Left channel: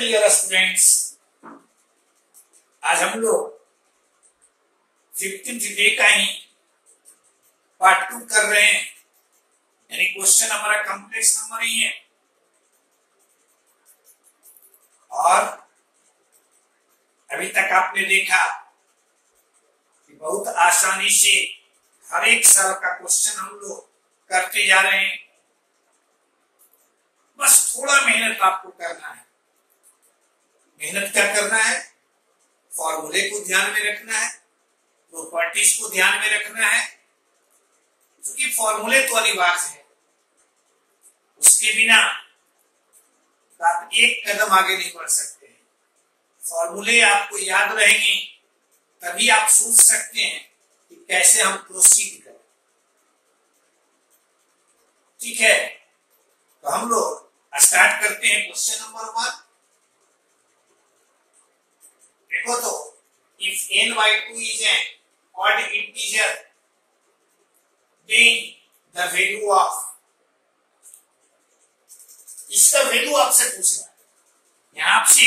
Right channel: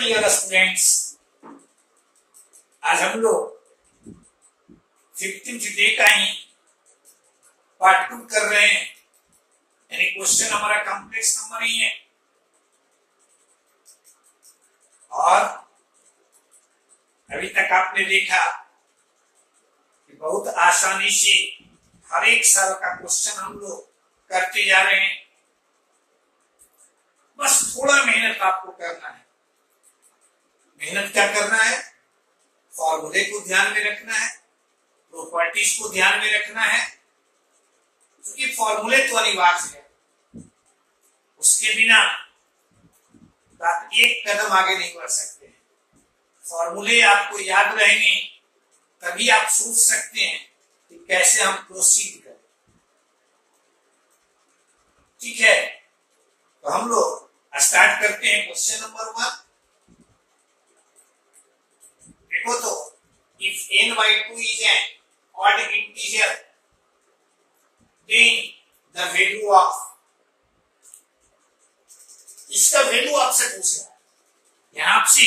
Dear students, आज हम लोग 15th डे का ही पार्ट 2 कर रहे हैं। यानी क्वेश्चन हमारा कॉम्प्लेक्स नंबर ही है और अभी तक आपने देखा कि बहुत आसानी से हर एक साल का क्वेश्चन हम लोग करते जा रहे हैं। बस थोड़ा मेहनत आपको करना है। मेहनत क्या करना है? फॉर्मूले को ध्यान में रखना है, प्रॉपर्टीज को ध्यान में रखना है, क्योंकि फॉर्मूले तो अनिवार्य है, उसके बिना आप एक कदम आगे नहीं बढ़ सकते हैं। फॉर्मूले आपको याद रहेंगे तभी आप सोच सकते हैं कि कैसे हम प्रोसीड करें। ठीक है, तो हम लोग स्टार्ट करते हैं क्वेश्चन नंबर 1। देखो तो, if n by 2 is an odd integer, then the value of, इसका वैल्यू आपसे पूछ रहा है, यहां आपसे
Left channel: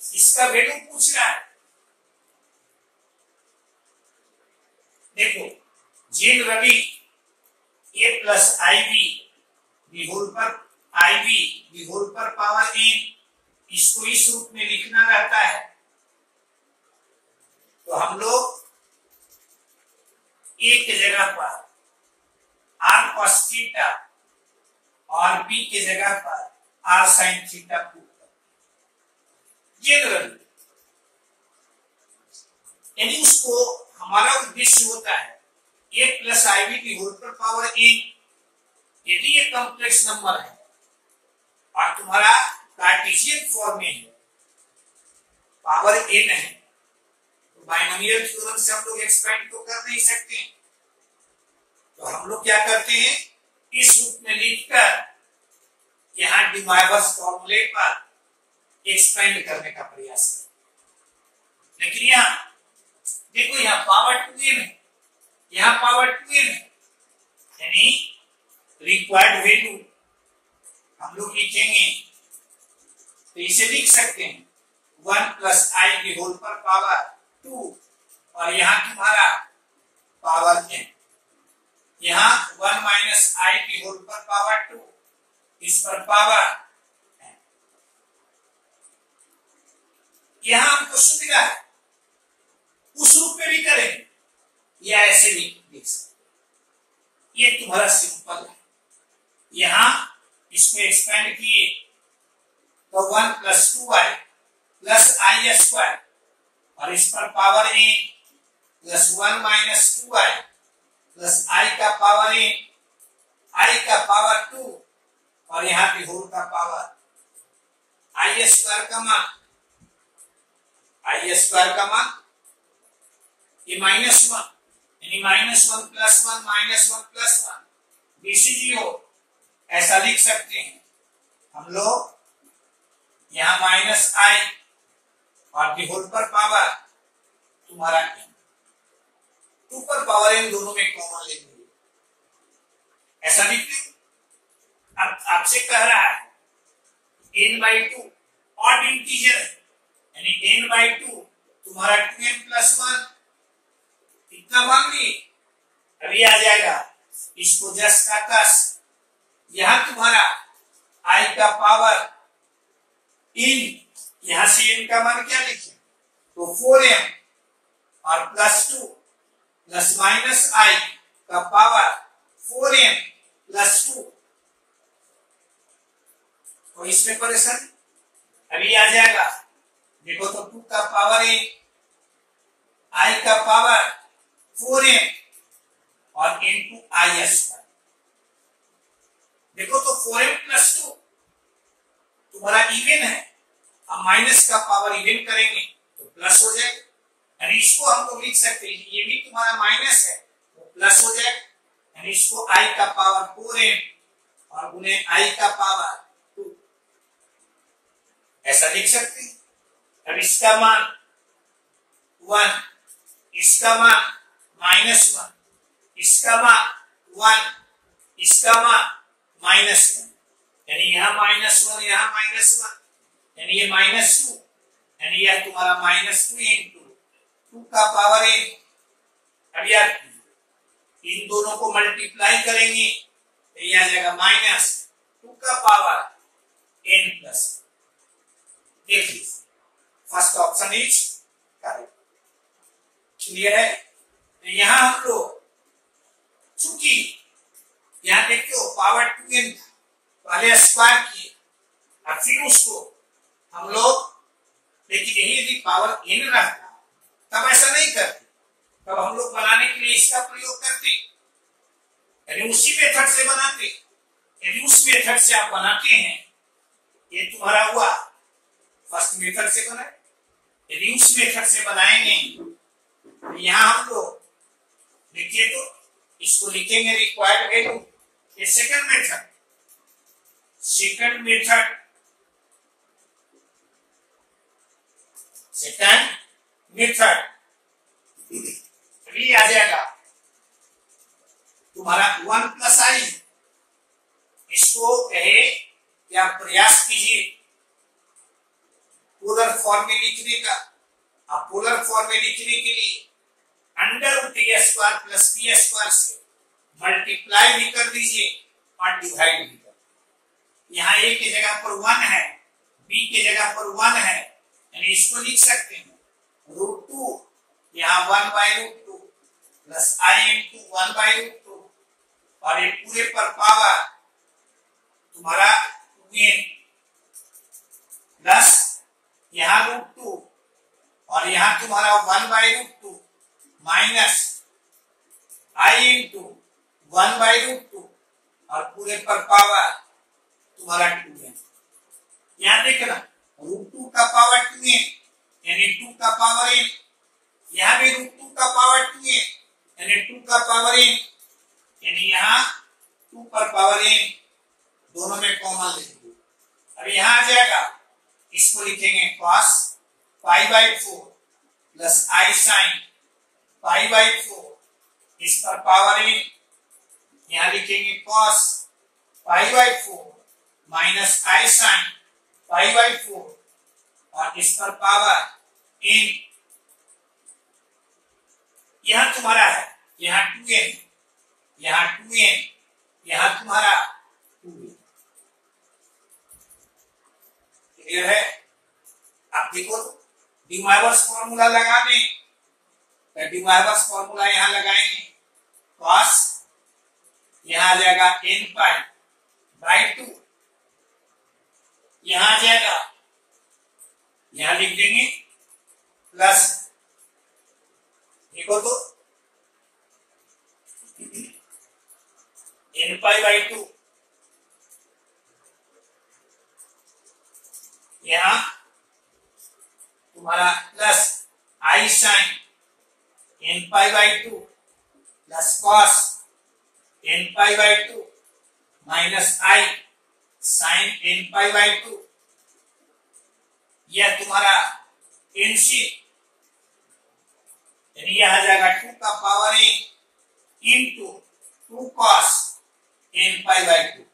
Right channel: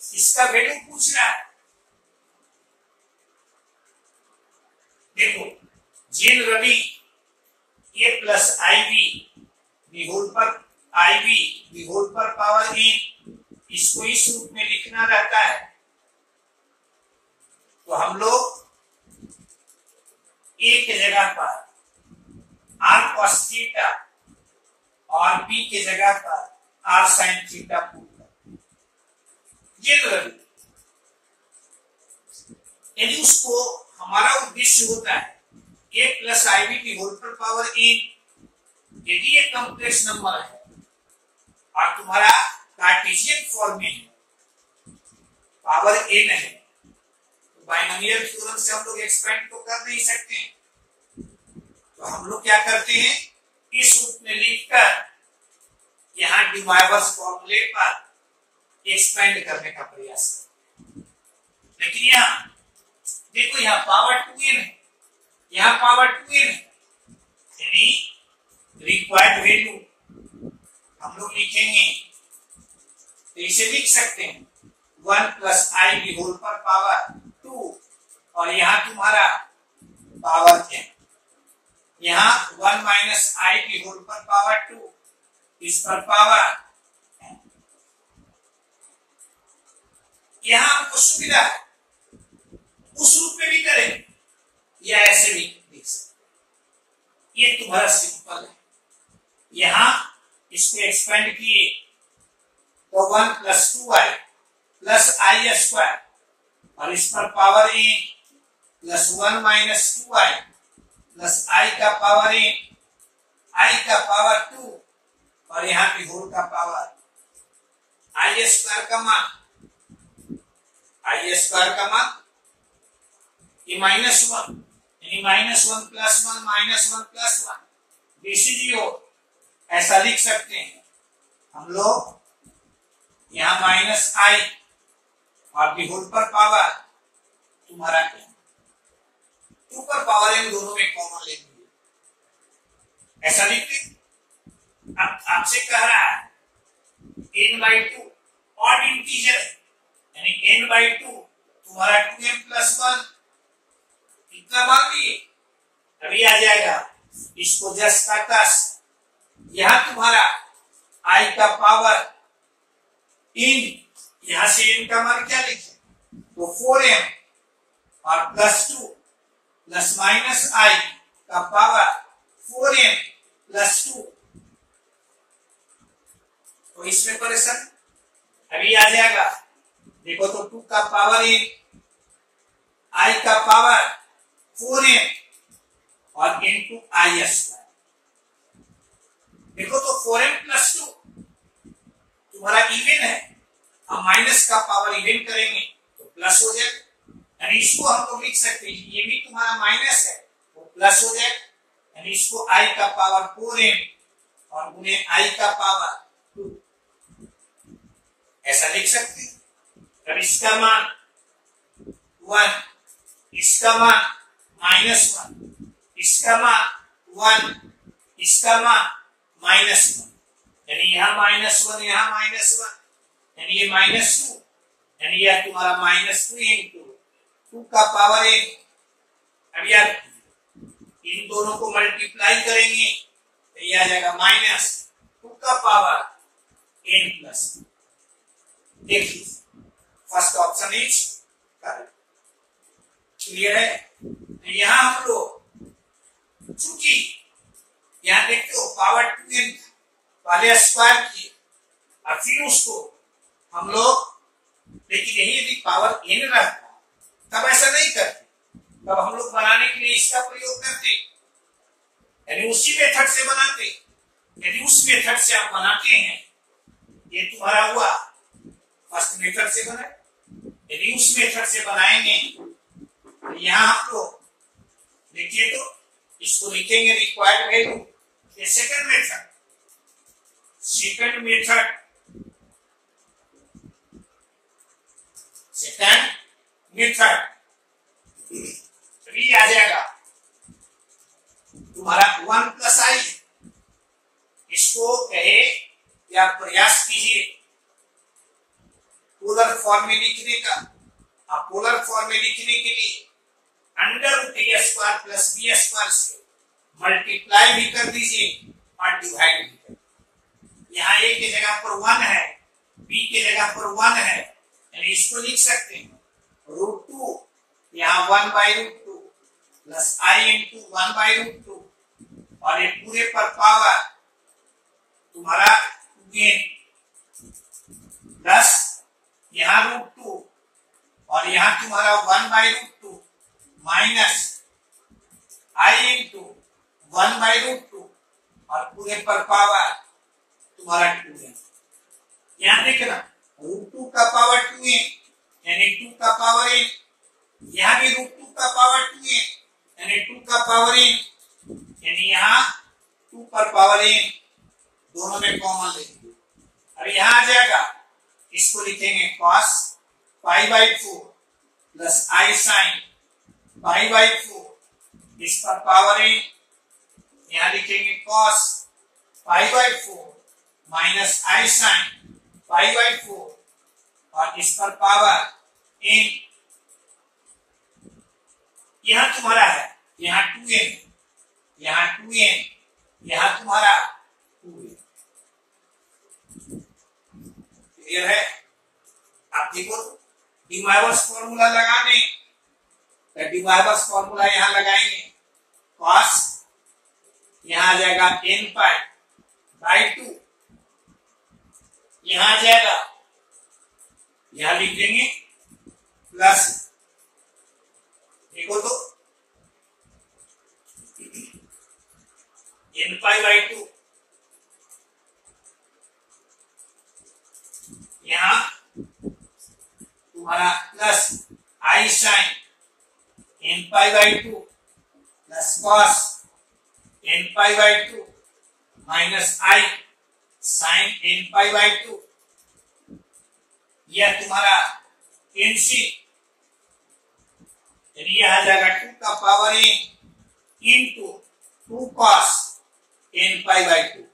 इसका वैल्यू पूछ रहा है। देखो, generally a plus ib whole पर पावर n, इसको इस रूप में लिखना रहता है। तो हम लोग a के जगह पर r cos थीटा और b के जगह पर r sin थीटा पुट करते हैं जनरली। यदि उसको हमारा उद्देश्य होता है a प्लस ib होल पर पावर n, यदि ये कॉम्प्लेक्स नंबर है और तुम्हारा कार्टेशियन फॉर्म में है, पावर n है, तो बाइनोमियल थ्योरम से हम लोग एक्सपेंड तो कर नहीं सकते हैं। तो हम लोग क्या करते हैं, इस रूप में लिखकर यहां डिवाइवर्स फॉर्मूले पर एक्सपेंड करने का प्रयास करते हैं। लेकिन यहां देखो, यहां पावर 2n है, यहां पावर 2n है, यानी रिक्वायर्ड वैल्यू हम लोग लिखेंगे तो इसे लिख सकते हैं 1 प्लस आई होल पर पावर 2, और यहां तुम्हारा पावर n, यहां 1 माइनस आई होल पर पावर 2, इस पर पावर n। यहां हमको सुविधा है, उस रूप में भी करें या ऐसे भी लिख सकते। ये तुम्हारा सिंपल है। यहां इसको एक्सपेंड किए तो 1 प्लस 2i प्लस आई स्क्वायर, और इस पर power n plus 1 minus 2i plus i का पावर n, आई का पावर 2, और यहां पे होल का पावर आई स्क्वायर का मान, ये -1, यानी -1 प्लस 1 -1 प्लस 1, BCGO ऐसा लिख सकते हैं हम लोग। यहां माइनस आई और भी होल पर पावर तुम्हारा n, 2 पर पावर n दोनों में कॉमन लेंगे, ऐसा लिखते। अब आपसे कह रहा है n by 2 ऑड इंटीजर, यानी n by 2 तुम्हारा 2n प्लस 1 इतना मान लिए, अभी आ जाएगा। इसको जस का तस, यहां तुम्हारा i का पावर n, यहां से n का मान क्या लिखे, तो 4m और प्लस 2 प्लस माइनस i का पावर 4m प्लस 2, तो इसमें परेशान अभी आ जाएगा। देखो तो 2 का पावर n, i का पावर 4m और इनटू आई स्क्वायर। देखो तो 4m प्लस 2 तुम्हारा इवन है, हम माइनस का पावर इवन करेंगे तो प्लस हो जाएगा, यानी इसको हम लोग लिख सकते हैं, ये भी तुम्हारा माइनस है वो प्लस हो जाएगा, यानी इसको i का पावर 4m और गुने i का पावर 2 ऐसा लिख सकते हैं। अब इसका मान 1, इसका मान -1, इसका मान 1, इसका मान -1, यानी यहां -1 यहां -1, यानी ये -2 यानी यह तुम्हारा -2 इंटू 2 का पावर n। अब यार इन दोनों को मल्टीप्लाई करेंगे तो यह आ जाएगा -2 का पावर n प्लस। देखिए first option is correct. Clear है? तो यहां हम लोग चूंकि यहां देखते हो पावर 2n पहले स्क्वायर किए और फिर उसको हम लोग, लेकिन यही यदि पावर n रहता तब ऐसा नहीं करते, तब हम लोग बनाने के लिए इसका प्रयोग करते, यानी उसी मेथड से बनाते। यदि उस मेथड से आप बनाते हैं, ये तुम्हारा हुआ फर्स्ट मेथड से बना। यदि उस मेथड से बनाएंगे तो यहां हम लोग देखिए तो इसको लिखेंगे रिक्वायर्ड वैल्यू। ये second method, second method, second method आ जाएगा तुम्हारा 1 प्लस आई। इसको कहे या प्रयास कीजिए पोलर फॉर्म में लिखने का। आप पोलर फॉर्म में लिखने के लिए √a² प्लस b² से मल्टीप्लाई भी कर दीजिए और डिवाइड भी कर। यहाँ a की जगह पर 1 है, b की जगह पर 1 है, यानी इसको लिख सकते हैं √2 यहाँ 1/√2 प्लस i इंटू 1/√2 और ये पूरे पर पावर तुम्हारा 2n प्लस यहाँ √2 और यहाँ तुम्हारा 1/√2 माइनस i इंटू 1/√2 और पूरे पर पावर तुम्हारा 2n। यहाँ देखना √2 का पावर 2n यानी 2 का पावर n, यहाँ भी √2 का पावर 2n यानी 2 का पावर n, यानी यहाँ 2 पर पावर n दोनों में कॉमन लेंगे। अब यहाँ आ जाएगा, इसको लिखेंगे cos π/4 प्लस i sin π/4, इस पर पावर n यहाँ लिखेंगे cos π/4 माइनस i sin π/4 और इस पर पावर n। यहां तुम्हारा है, यहाँ 2n, यहाँ 2n, यहाँ तुम्हारा 2n। क्लियर है? आप देखो डिमार्वर्स फॉर्मूला लगा दें, तो डिमार्वर्स फॉर्मूला यहां लगाएंगे cos यहां आ जाएगा n π/2, यहां आ जाएगा, यहां लिख देंगे प्लस, देखो तो n π/2 यहां तुम्हारा plus i sin n π/2 plus cos n π/2 minus i sin n π/2, यह तुम्हारा nc यानी यह आ जाएगा 2 का power n into 2 cos n π/2।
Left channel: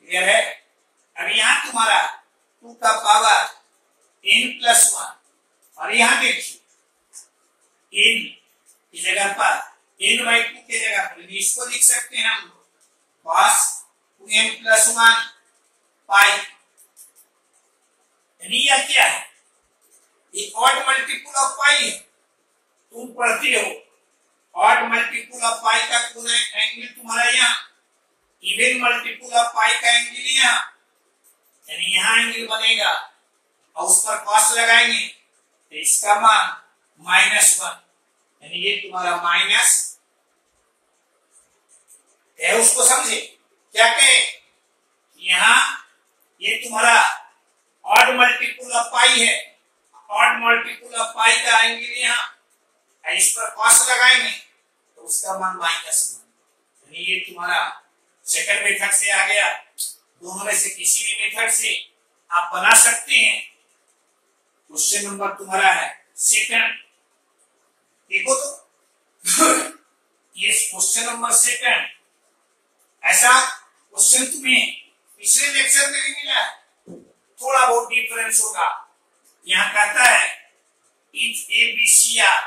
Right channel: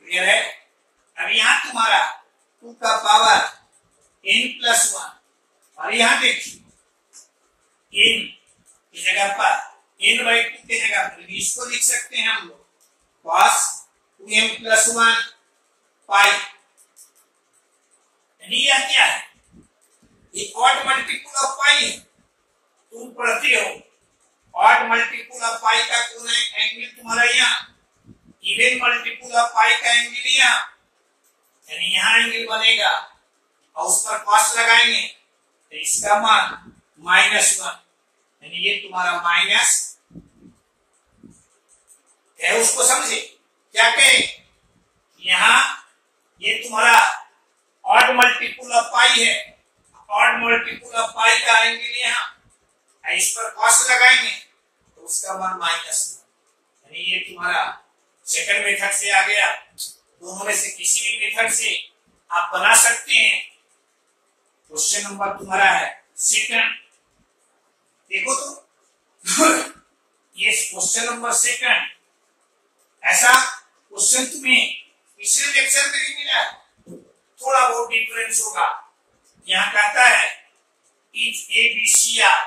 Clear है? अब यहां तुम्हारा 2 का पावर n प्लस 1 और यहां देखिए n की जगह पर n/2 की जगह पर इसको लिख सकते हैं हम लोग cos 2n प्लस 1 पाई। यानी यह क्या है? ये ऑड मल्टीपल ऑफ पाई है। तुम पढ़ते हो ऑड मल्टीपल ऑफ पाई का कौन है एंगल तुम्हारा यहाँ, इवन मल्टीपल ऑफ पाई का एंगल यहाँ, यानी यहाँ एंगल बनेगा और उस पर कॉस लगाएंगे तो इसका मान -1, यानी ये तुम्हारा माइनस है। उसको समझे क्या कहे? यहाँ ये तुम्हारा ऑड मल्टीपल ऑफ पाई है, ऑड मल्टीपल ऑफ पाई का एंगल यहाँ, इस पर कॉस लगाएंगे तो उसका मान -1, यानी ये तुम्हारा सेकंड मेथड से आ गया। दोनों में से किसी भी मेथड से आप बना सकते हैं। क्वेश्चन नंबर तुम्हारा है सेकंड, देखो तो ये क्वेश्चन नंबर सेकंड, ऐसा क्वेश्चन तुम्हें पिछले लेक्चर में भी मिला, थोड़ा बहुत डिफरेंस होगा। यहाँ कहता है if A B C are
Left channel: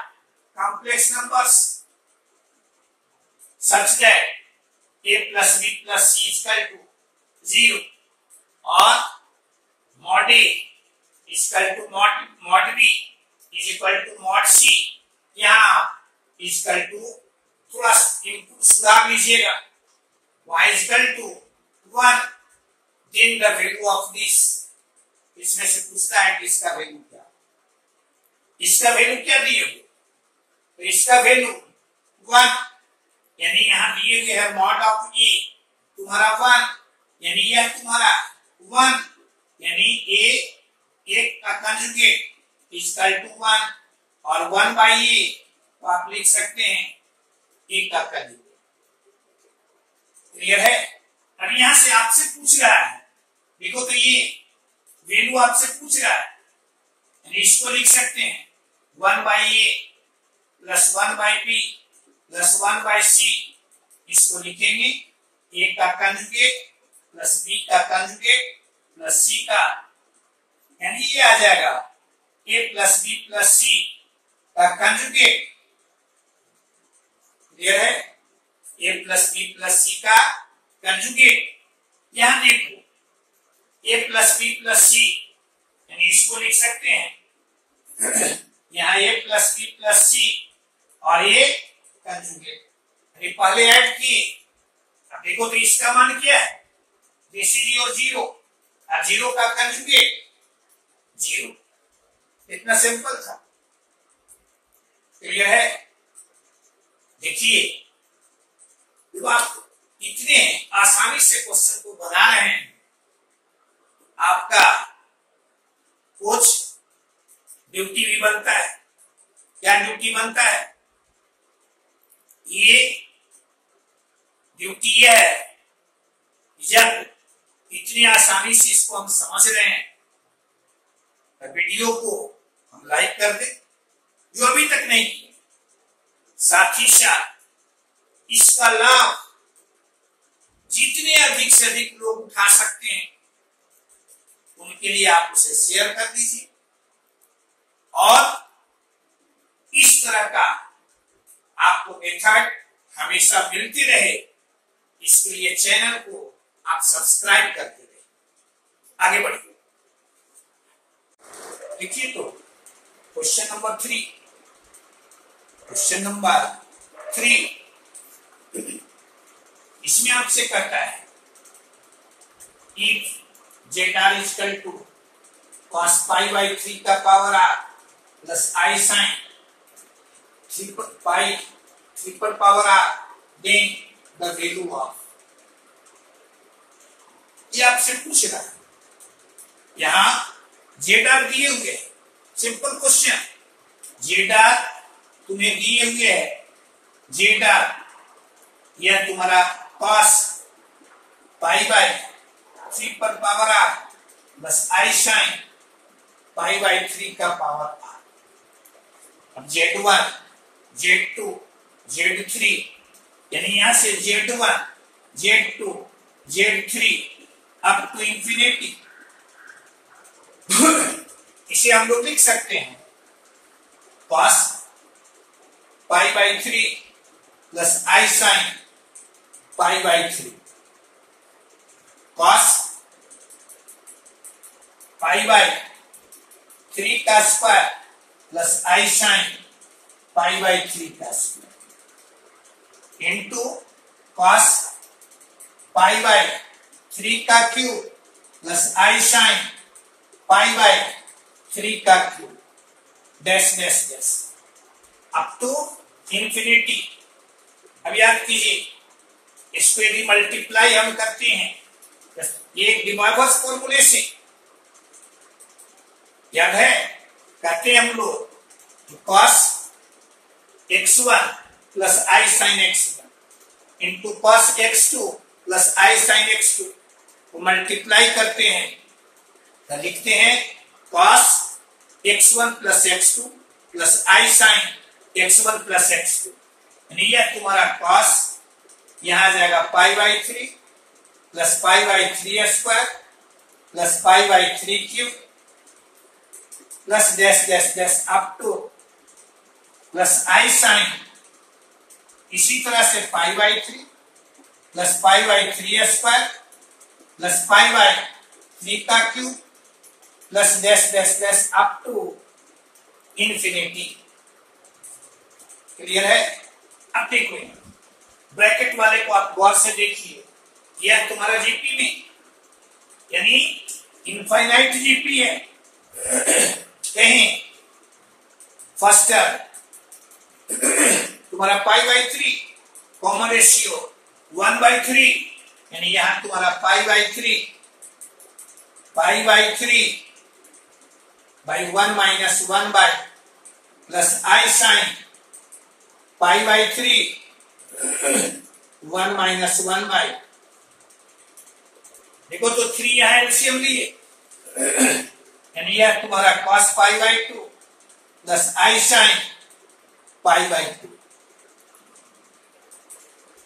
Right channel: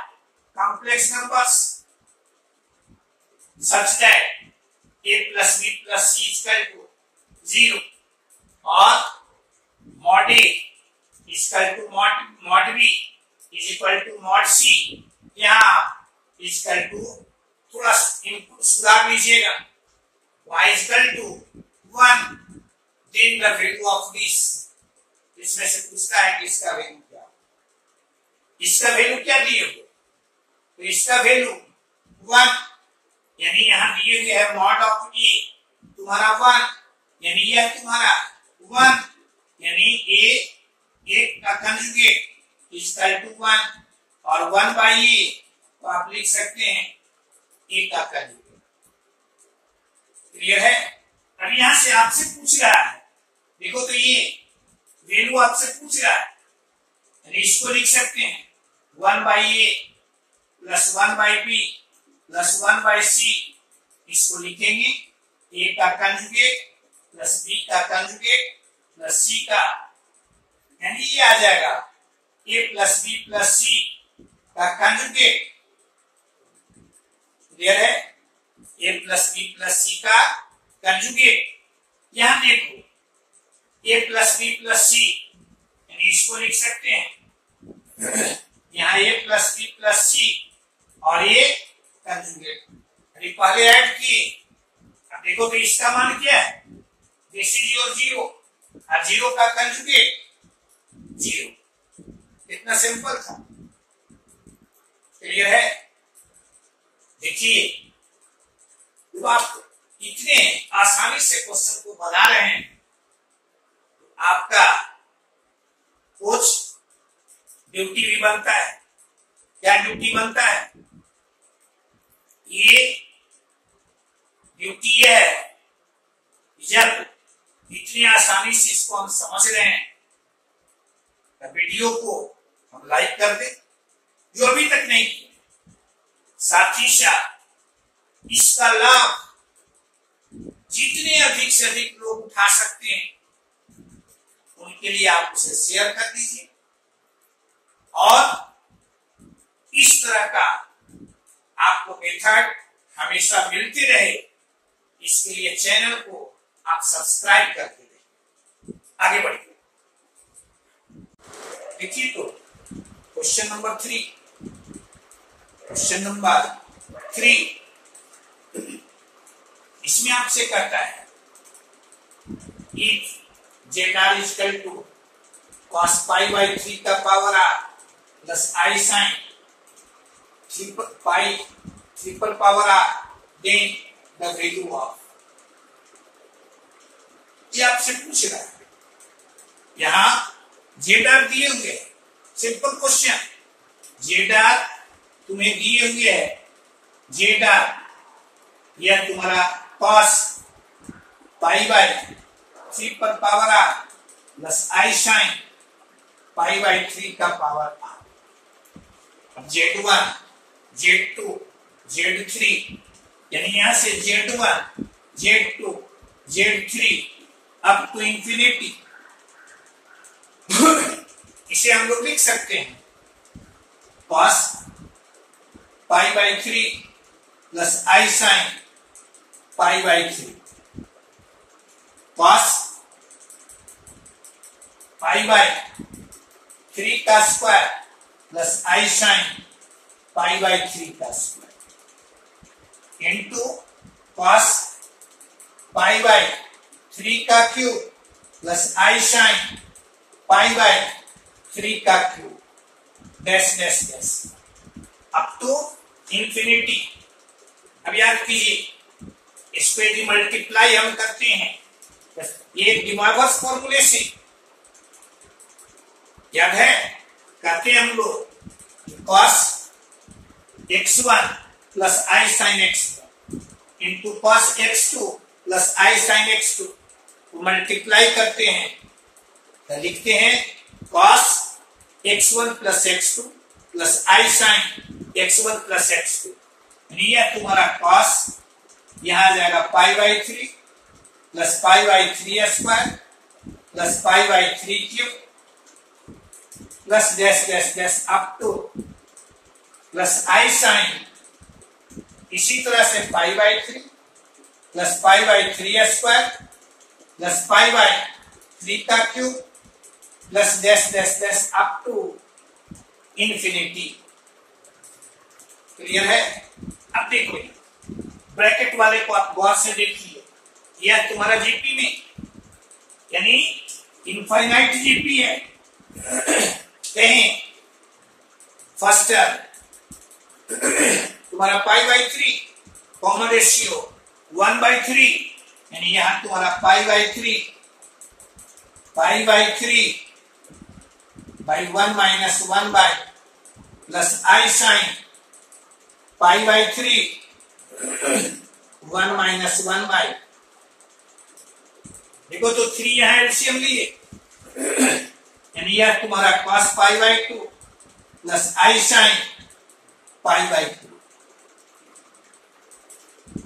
complex numbers such that a plus b plus c is equal to 0 or mod a is equal to mod b is equal to mod c, यहाँ is equal to थोड़ा सुधार लीजिएगा, y is equal to 1, then the value of this, इसमें से पूछता है कि इसका वैल्यू क्या, इसका वैल्यू क्या दिए हो, तो इसका वैल्यू 1, यानी यहाँ दिए गए है मॉड ऑफ ए तुम्हारा 1, यानी यह तुम्हारा 1, यानी ए का कंजुगेट इक्वल टू 1 और 1 बाई ए, तो आप लिख सकते हैं ए का कंजुगेट। क्लियर है? अब यहां से आपसे पूछ रहा है, देखो तो ये वैल्यू आपसे पूछ रहा है, यानी इसको लिख सकते हैं 1 by A plus 1 by B plus 1 by C, इसको लिखेंगे ए का कंजुगेट प्लस बी का कंजुगेट प्लस सी का, यानी ये आ जाएगा A plus B plus C का कंजुगेट। क्लियर है? A plus B plus C का कंजुगेट। यहां देखो A plus B plus C, यानी इसको लिख सकते हैं यहाँ A plus B plus C और ये कंजुगेट, अरे पहले ऐड किए, अब देखो तो इसका मान क्या है, दिस इज योर 0 और 0 का कंजुगेट 0, इतना सिंपल था। क्लियर है? देखिए जब आप इतने आसानी से क्वेश्चन को बना रहे हैं, आपका कुछ ड्यूटी भी बनता है। क्या ड्यूटी बनता है? ये ड्यूटी है जब इतनी आसानी से इसको हम समझ रहे हैं तो वीडियो को हम लाइक कर दें, जो अभी तक नहीं किया, साथ ही साथ इसका लाभ जितने अधिक से अधिक लोग उठा सकते हैं उनके लिए आप उसे शेयर कर दीजिए, और इस तरह का आपको मेथड हमेशा मिलते रहे, इसके लिए चैनल को आप सब्सक्राइब करके दें। आगे बढ़िए, देखिए तो क्वेश्चन नंबर 3, क्वेश्चन नंबर 3 इसमें आपसे कहता है if Z R is equal to cos pi by 3 का पावर r प्लस आई साइन 3 पाई 3 पर power r, then the value of, ये आपसे पूछ रहा है। यहां जेड आर दिए हुए हैं, सिंपल क्वेश्चन, जेड आर तुम्हें दिए हुए है, जेड आर यह तुम्हारा cos पाई बाई 3 पर power r plus I sine pi by 3 का पावर r। अब Z1, Z2, Z3, यानी यहां से Z1, Z2, Z3 up to infinity, इसे हम लोग लिख सकते हैं cos pi by 3 plus I sine pi by 3, cos pi by 3 का square plus I sine pi by 3 का square into cos pi by 3 का cube plus I sine pi by 3 का cube, dash dash dash up to infinity. अब याद कीजिए, इस पे D multiply हम करते हैं एक डिमॉर्गन्स फॉर्मूले से, याद है, कहते हैं हम लोग cos x1 प्लस आई sine x1 into cos x2 plus आई साइन x2 को मल्टीप्लाई करते हैं तो लिखते हैं cos x1 plus x2 plus आई साइन x1 प्लस x2, यानी यह तुम्हारा cos, यहां आ जाएगा pi by 3 plus pi by 3 square plus pi by 3 cube plus dash dash dash up to plus I sine, इसी तरह से pi by 3 plus pi by 3 square plus pi by 3 का cube plus dash dash dash up to infinity. Clear है? अब देखो bracket वाले को आप गौर से देखिए, यह तुम्हारा जीपी में यानी इनफाइनाइट जीपी है। कहें फर्स्ट तुम्हारा पाई बाई 3 कॉमन रेशियो 1/3 यानी यहां तुम्हारा पाई by 3 by 1 minus 1 by plus I sine pi by 3 1 minus 1 by, देखो तो 3 यहां एलसीएम लिए यानी यह तुम्हारा cos pi by 2 plus I sine pi by 2,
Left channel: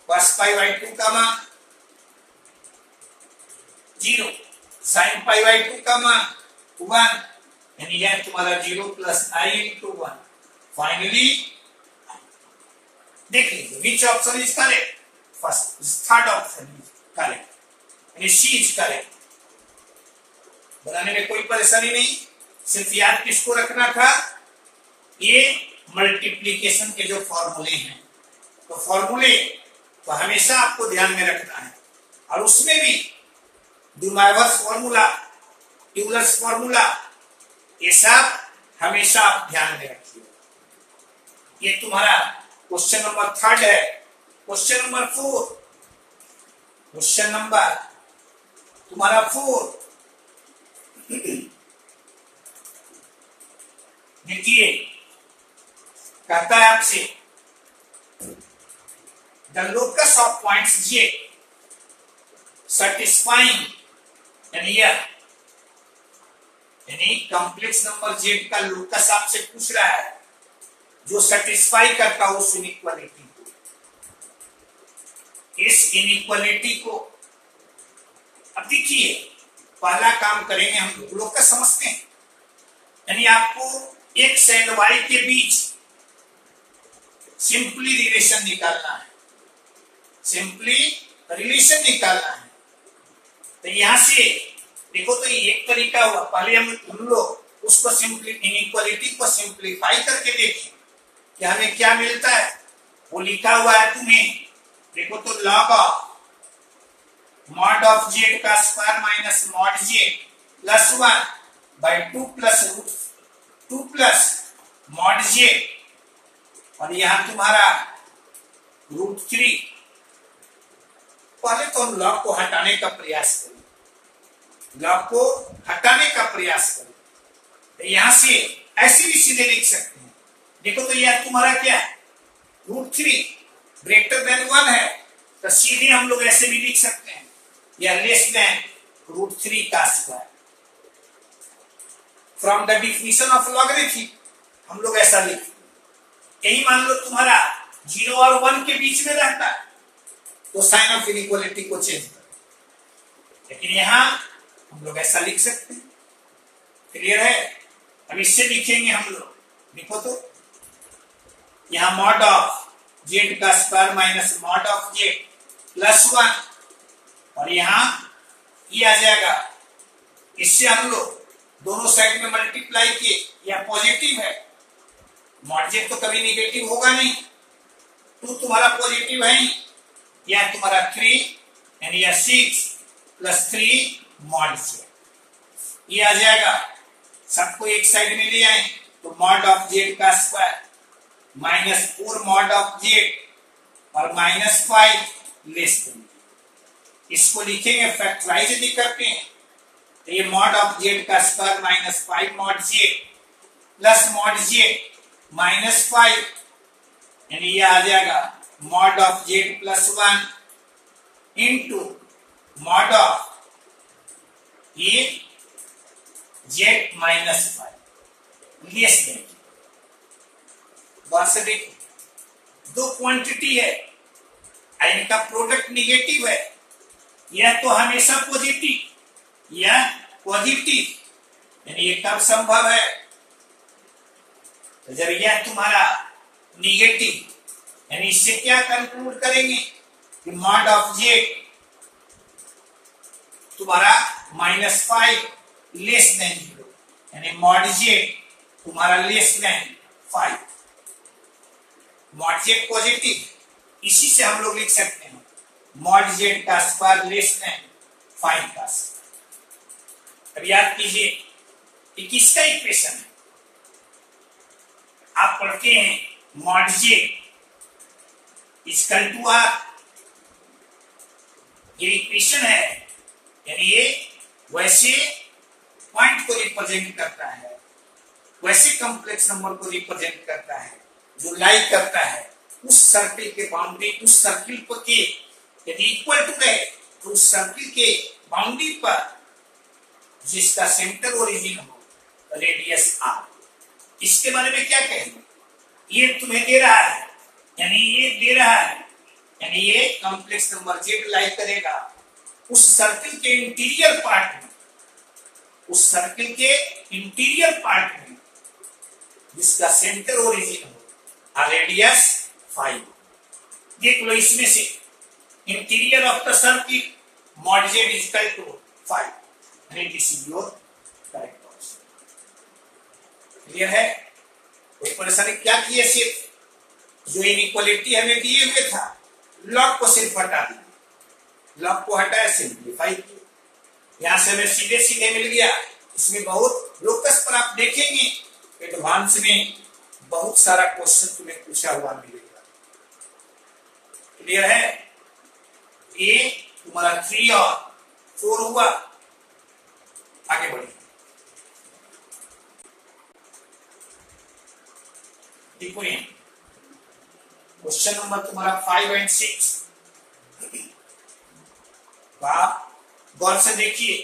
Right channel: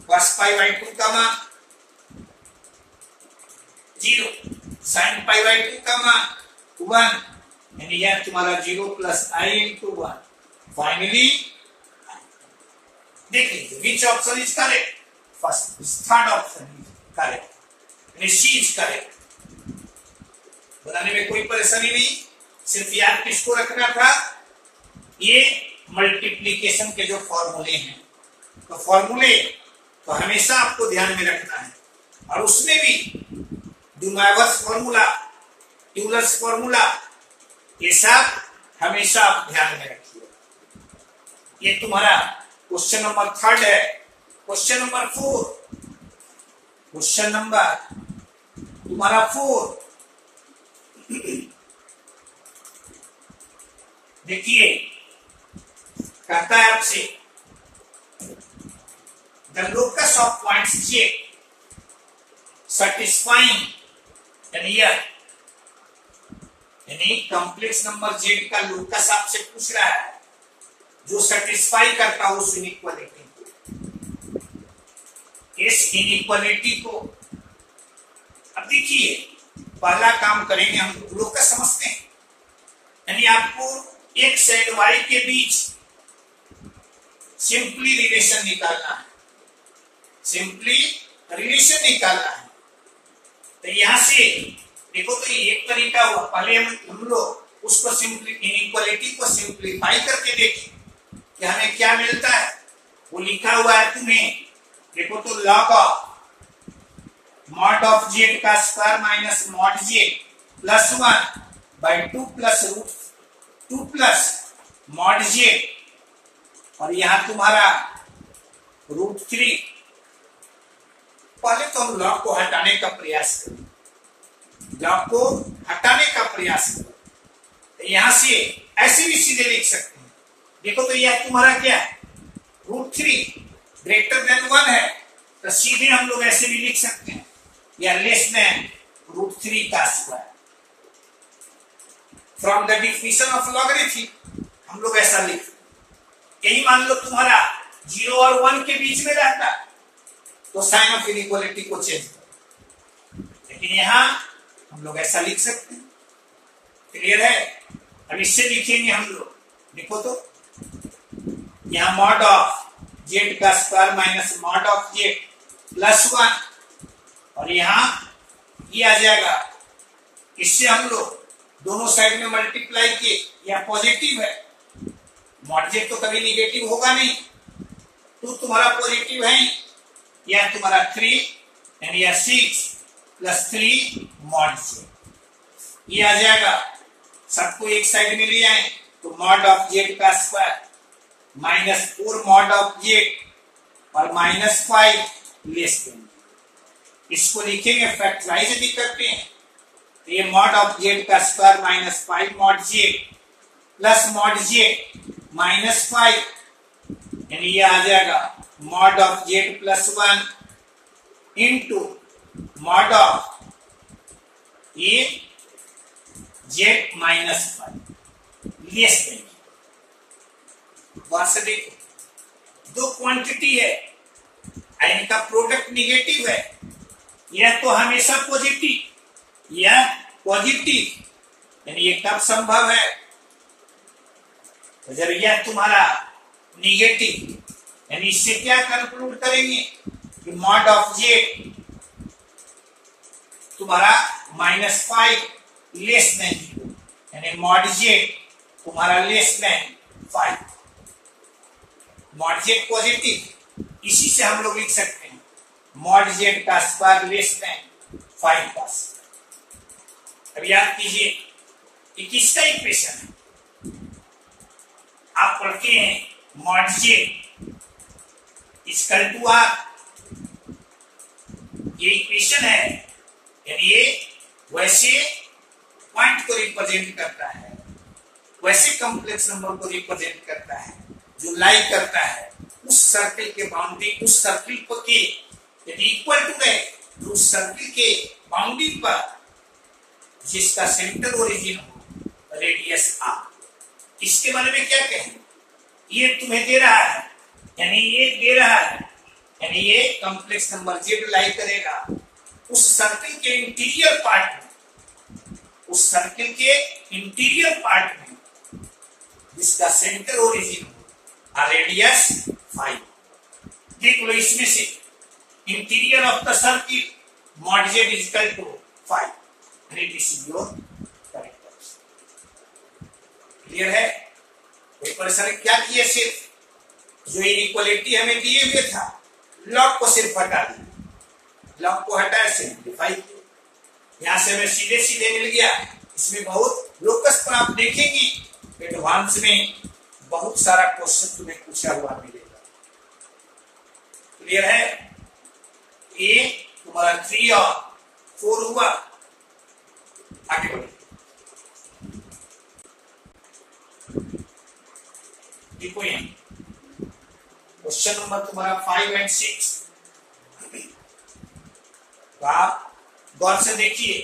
cos pi by 2 का मान 0, साइन पाई बाई 2 का मान 1 यानी यह तुम्हारा 0 प्लस आई इंटू 1। फाइनली देख लीजिए विच option is correct, first third option is correct यानी सी इज करेक्ट। बनाने में कोई परेशानी नहीं, सिर्फ याद किसको रखना था, ये मल्टीप्लीकेशन के जो फॉर्मूले हैं, तो फॉर्मूले तो हमेशा आपको ध्यान में रखना है, और उसमें भी ड्यूमाइवर्स फॉर्मूला, यूलर्स फॉर्मूला, ये सब हमेशा आप ध्यान में रखिए। ये तुम्हारा क्वेश्चन नंबर 3 है। क्वेश्चन नंबर 4, क्वेश्चन नंबर तुम्हारा 4 देखिए, कहता है आपसे the locus of points J satisfying यानी कॉम्प्लेक्स नंबर जेड का लोकस आपसे पूछ रहा है जो सेटिस्फाई करता हो उस इनइक्वालिटी को। इस इनइक्वालिटी को अब देखिए, पहला काम करेंगे हम लोकस समझते हैं, यानी आपको एक्स एंड वाई के बीच सिंपली रिलेशन निकालना है, सिंपली रिलेशन निकालना है। तो यहां से देखो, तो ये एक तरीका हुआ, पहले हम लोग उसको इनइक्वालिटी को सिंप्लीफाई करके देखें कि हमें क्या मिलता है। वो लिखा हुआ है तुम्हें, देखो तो log of mod of Z का square minus mod Z plus 1 by 2 plus root 2 plus mod Z, और यहां तुम्हारा रूट 3। पहले तो हम लॉग को हटाने का प्रयास करें, लॉग को हटाने का प्रयास करें। तो यहां से ऐसे भी सीधे लिख सकते हैं, देखो तो यह तुम्हारा क्या है, रूट 3 ग्रेटर देन 1 है, तो सीधे हम लोग ऐसे भी लिख सकते हैं, या लेस देन रूट 3 का square. From the definition of logarithm हम लोग ऐसा लिख, यही मान लो तुम्हारा 0 और 1 के बीच में रहता है तो साइन ऑफ इनइक्वालिटी को चेंज कर, लेकिन यहां हम लोग ऐसा लिख सकते हैं। क्लियर है? अब इससे लिखेंगे हम लोग, देखो तो यहां मॉड ऑफ जेड का square minus mod of Z plus 1, और यहां ये आ जाएगा, इससे हम लोग दोनों साइड में मल्टीप्लाई किए, यह पॉजिटिव है, मॉड जेड तो कभी निगेटिव होगा नहीं, 2 तुम्हारा पॉजिटिव है, यह तुम्हारा 3 यानी यह 6 प्लस 3 मॉड जेड, ये आ जाएगा। सबको एक साइड में ले आए तो मॉड ऑफ जेड का square minus 4 mod of Z और माइनस 5 लेस देन, इसको लिखेंगे फैक्टराइज भी करते हैं, तो ये मॉड ऑफ जेड का square minus 5 mod Z plus mod Z minus 5 यानी ये आ जाएगा mod of Z plus 1 into mod of ये जेड माइनस 5 लेस देन। से देखो, दो क्वांटिटी है, इनका प्रोडक्ट निगेटिव है, यह तो हमेशा पॉजिटिव, यह पॉजिटिव, यानी ये कब संभव है? तो जब यह तुम्हारा निगेटिव, यानी इससे क्या कंक्लूड करेंगे कि मॉड ऑफ जेड तुम्हारा -5 लेस देन 0, यानी मॉड जेड तुम्हारा less then 5। Mod Z positive, इसी से हम लोग लिख सकते हैं मॉड जेड का स्क्वायर लेस देन 5 का स्क्वायर। अब याद कीजिए कि किसका इक्वेशन है? आप पढ़ते हैं mod Z equal to R, ये इक्वेशन है, यानी ये वैसे पॉइंट को रिप्रेजेंट करता है, वैसे कॉम्प्लेक्स नंबर को रिप्रेजेंट करता है जो लाई करता है उस सर्किल के बाउंड्री, उस सर्किल पर के यदि इक्वल टू है तो उस सर्किल के बाउंड्री पर जिसका सेंटर ओरिजिन हो, रेडियस आर। इसके बारे में क्या कहेंगे? ये तुम्हें दे रहा है, यानी ये दे रहा है, यानी ये कॉम्प्लेक्स नंबर जेड लाई करेगा उस सर्किल के इंटीरियर पार्ट में, उस सर्किल के इंटीरियर पार्ट में जिसका सेंटर ओरिजिन हो, रेडियस 5। देख लो इसमें से interior of the circle mod Z is equal to 5, यानी this is your correct answer. Clear है? कोई परेशानी? क्या किए? सिर्फ जो इनइक्वालिटी हमें दिए हुए था लॉग को सिर्फ हटा दिया, लॉग को हटाया, सिंप्लीफाई किया, यहां से हमें सीधे सीधे मिल गया। इसमें बहुत लोकस पर आप देखेंगे एडवांस में बहुत सारा क्वेश्चन तुम्हें पूछा हुआ मिलेगा। क्लियर है? ये तुम्हारा 3 और 4 हुआ। आगे बढ़िए, देखो ये क्वेश्चन नंबर तुम्हारा 5 और 6। आप गौर से देखिए,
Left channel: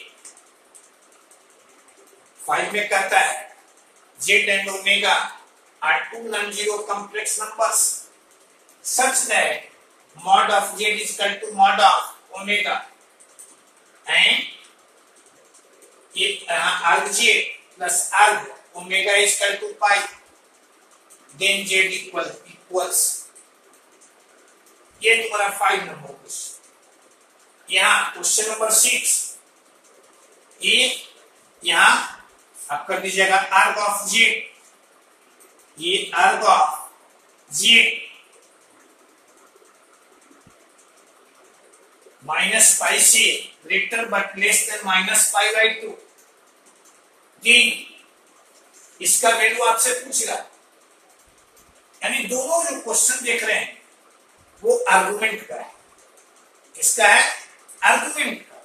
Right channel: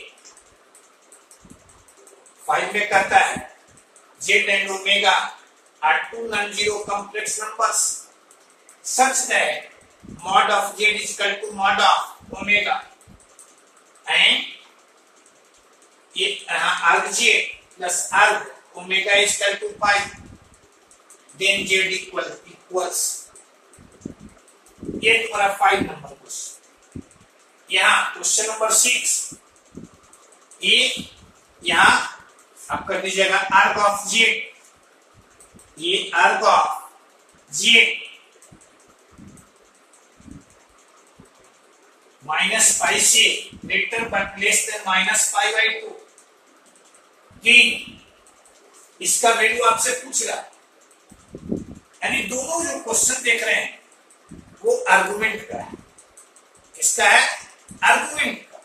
5 में कहता है Z and omega are 2 non zero complex numbers such that mod of Z is equal to mod of omega and ये arg Z plus arg omega is equal to pi, then Z equals. ये तुम्हारा 5 number question. यहाँ question number 6, ये यहाँ आप कर दीजिएगा आर्ग of Z, ये आर्ग ऑफ जेड -पाई से ग्रेटर बट लेस देन -पाई/2। इसका वैल्यू आपसे पूछ रहा, यानी दोनों जो क्वेश्चन देख रहे हैं वो आर्गुमेंट का है। इसका है आर्गुमेंट का।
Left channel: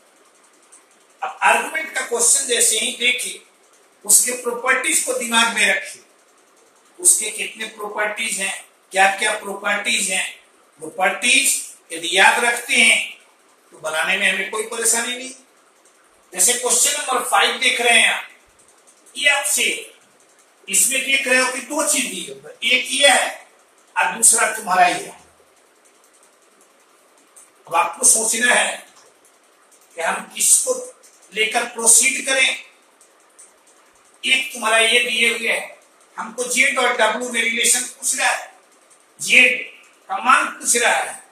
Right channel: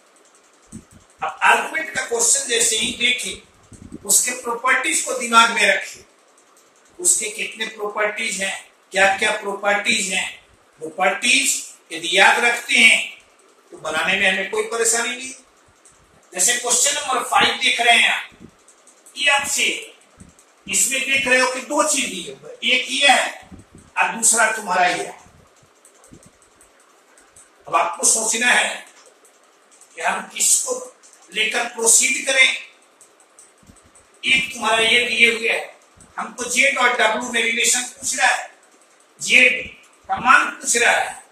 अब आर्गुमेंट का क्वेश्चन जैसे ही देखिए उसके प्रॉपर्टीज को दिमाग में रखिए, उसके कितने प्रॉपर्टीज हैं, क्या क्या प्रॉपर्टीज हैं। प्रॉपर्टीज यदि याद रखते हैं तो बनाने में हमें कोई परेशानी नहीं। जैसे क्वेश्चन नंबर 5 देख रहे हैं आप, ये आपसे इसमें देख रहे हो कि 2 चीज दी है, एक ये है और दूसरा तुम्हारा ये है। अब आपको सोचना है कि हम किसको लेकर प्रोसीड करें। एक तुम्हारा ये दिए हुए है, हमको जेड और डब्ल्यू में रिलेशन पूछ रहा है, जेड का मान पूछ रहा है।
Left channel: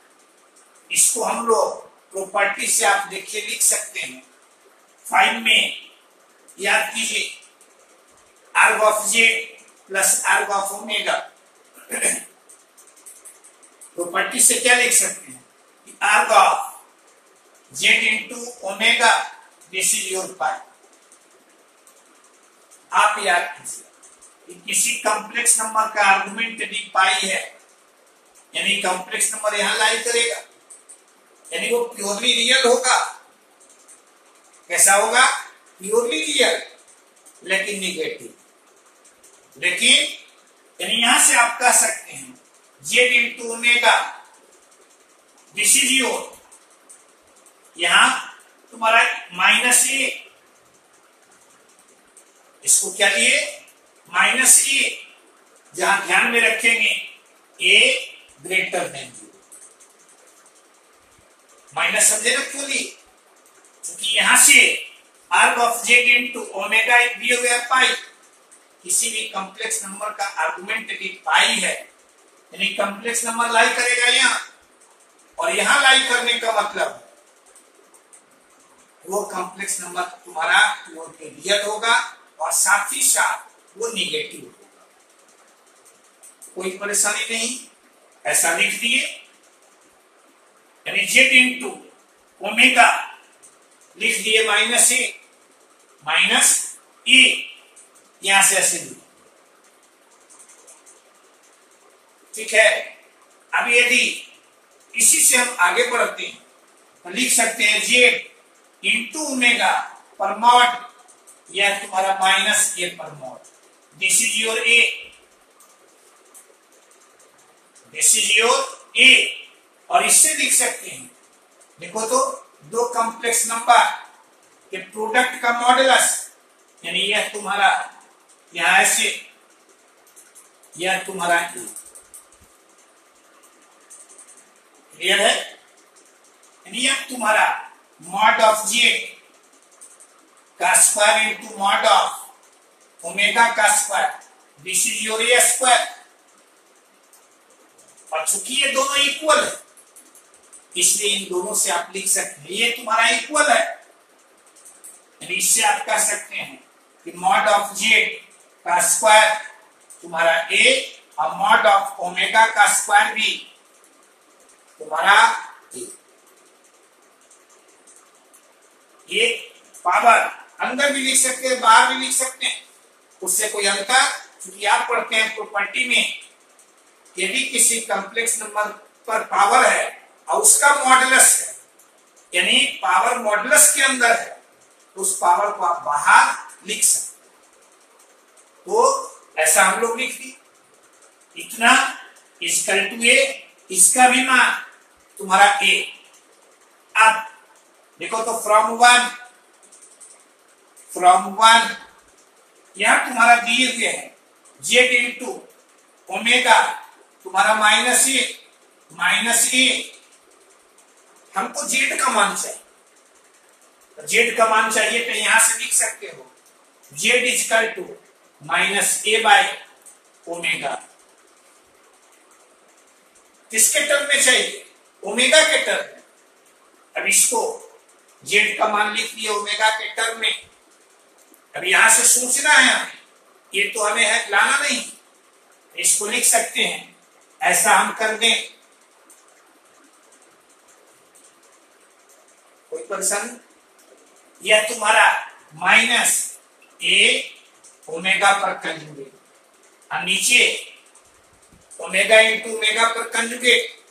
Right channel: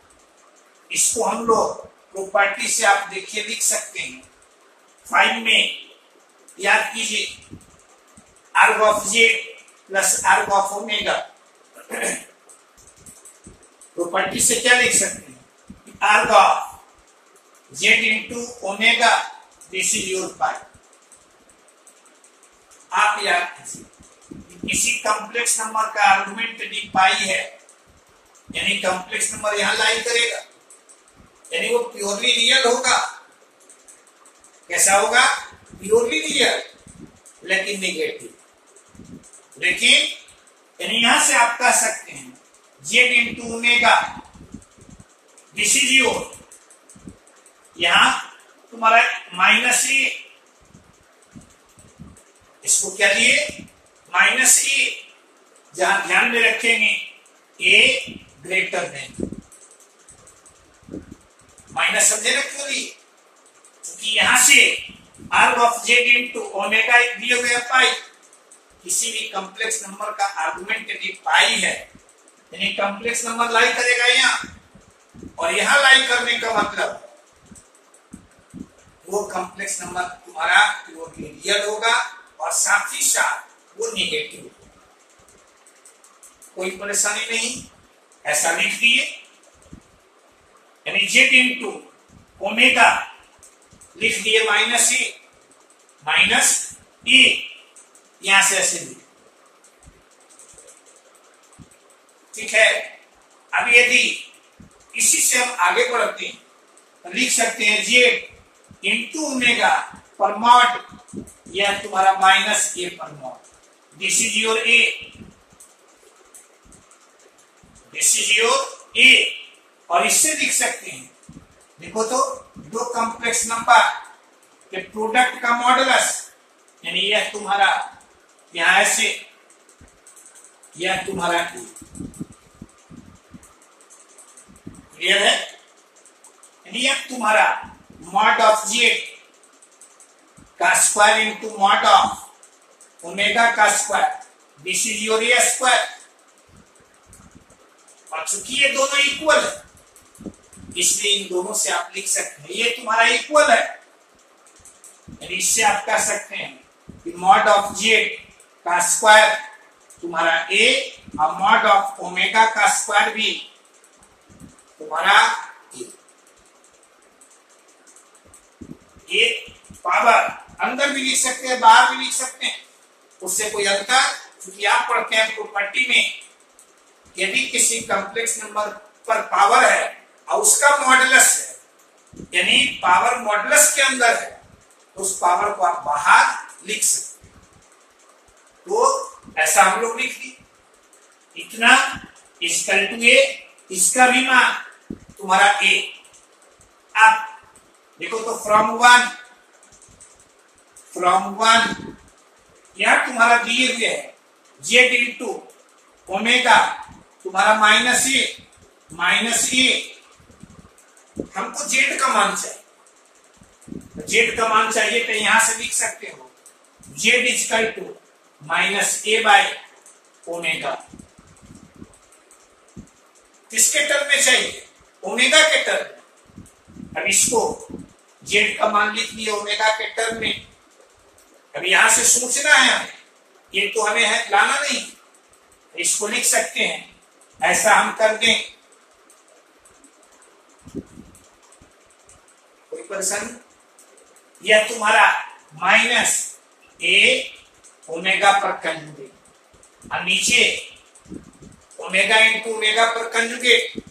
इसको हम लोग प्रॉपर्टी से आप देखिए लिख सकते हैं। 5 में याद कीजिए arg of Z plus arg of omega. Property से क्या लिख सकते हैं? Arg of Z into omega, this is your pi. आप याद कीजिए किसी कॉम्प्लेक्स नंबर का आर्गुमेंट यदि पाई है, यानी कॉम्प्लेक्स नंबर यहां लाई करेगा, यानी वो प्योरली रियल होगा। कैसा होगा? प्योरली रियल लेकिन निगेटिव। लेकिन यानी यहां से आप कह सकते हैं Z into omega, this is your, यहां तुम्हारा -a, इसको क्या लिए? -a, जहां ध्यान में रखेंगे a ग्रेटर देन, माइनस समझे ना क्यों लिए? कि यहां से आर्ग ऑफ जेड इंटू ओमेगा दिए हुए पाई, किसी भी कॉम्प्लेक्स नंबर का आर्गुमेंट यदि पाई है यानी कॉम्प्लेक्स नंबर लाई करेगा यहाँ और यहां लाई करने का मतलब वो कॉम्प्लेक्स नंबर तुम्हारा वो रियल होगा और साथ ही साथ वो निगेटिव होगा। कोई परेशानी नहीं, ऐसा लिख दिए यानी जेड इंटू ओमेगा लिख दिए माइनस ए यहां से ऐसे लिखे, ठीक है। अब यदि इसी से हम आगे बढ़ते हैं तो लिख सकते हैं जेड इंटू ओमेगा पर मॉड या तुम्हारा माइनस ए पर mod. This is your A, this is your A. और इससे लिख सकते हैं, देखो तो दो कॉम्प्लेक्स नंबर के प्रोडक्ट का मॉडुलस यानी यह तुम्हारा यहां ऐसे यह तुम्हारा ए, क्लियर है। यानी यह तुम्हारा मॉड ऑफ जेड का square into mod of omega का square, this is your A square. और चूंकि ये दोनों इक्वल है इसलिए इन दोनों से आप लिख सकते हैं ये तुम्हारा इक्वल है, यानी इससे आप कह सकते हैं कि मॉड ऑफ जेड का स्क्वायर तुम्हारा ए और मॉड ऑफ ओमेगा का स्क्वायर भी तुम्हारा ए पावर अंदर भी लिख सकते हैं बाहर भी लिख सकते हैं, उससे कोई अंतर, क्योंकि आप पढ़ते हैं प्रॉपर्टी में यदि किसी कॉम्प्लेक्स नंबर पर पावर है और उसका मॉडुलस है यानी पावर मॉडुलस के अंदर है तो उस पावर को आप बाहर लिख सकते हैं। तो ऐसा हम लोग लिख दी, इतना इक्वल टू ए, इसका भी मान तुम्हारा ए। अब देखो तो फ्रॉम वन यहां तुम्हारा दिए हुए है जेड इंटू ओमेगा तुम्हारा माइनस ए, हमको जेड का मान चाहिए, जेड का मान चाहिए तो यहां से लिख सकते हो Z equal to minus A by omega. किसके टर्म में चाहिए? ओमेगा के टर्म में। अब इसको जेड का मान लिख लिया ओमेगा के टर्म में। अब यहां से सोचना है हमें, ये तो हमें है लाना नहीं, इसको लिख सकते हैं ऐसा हम कर दें, कोई परेशानी। यह तुम्हारा माइनस ए ओमेगा पर कंजुगेट और नीचे ओमेगा इंटू ओमेगा पर कंजुगेट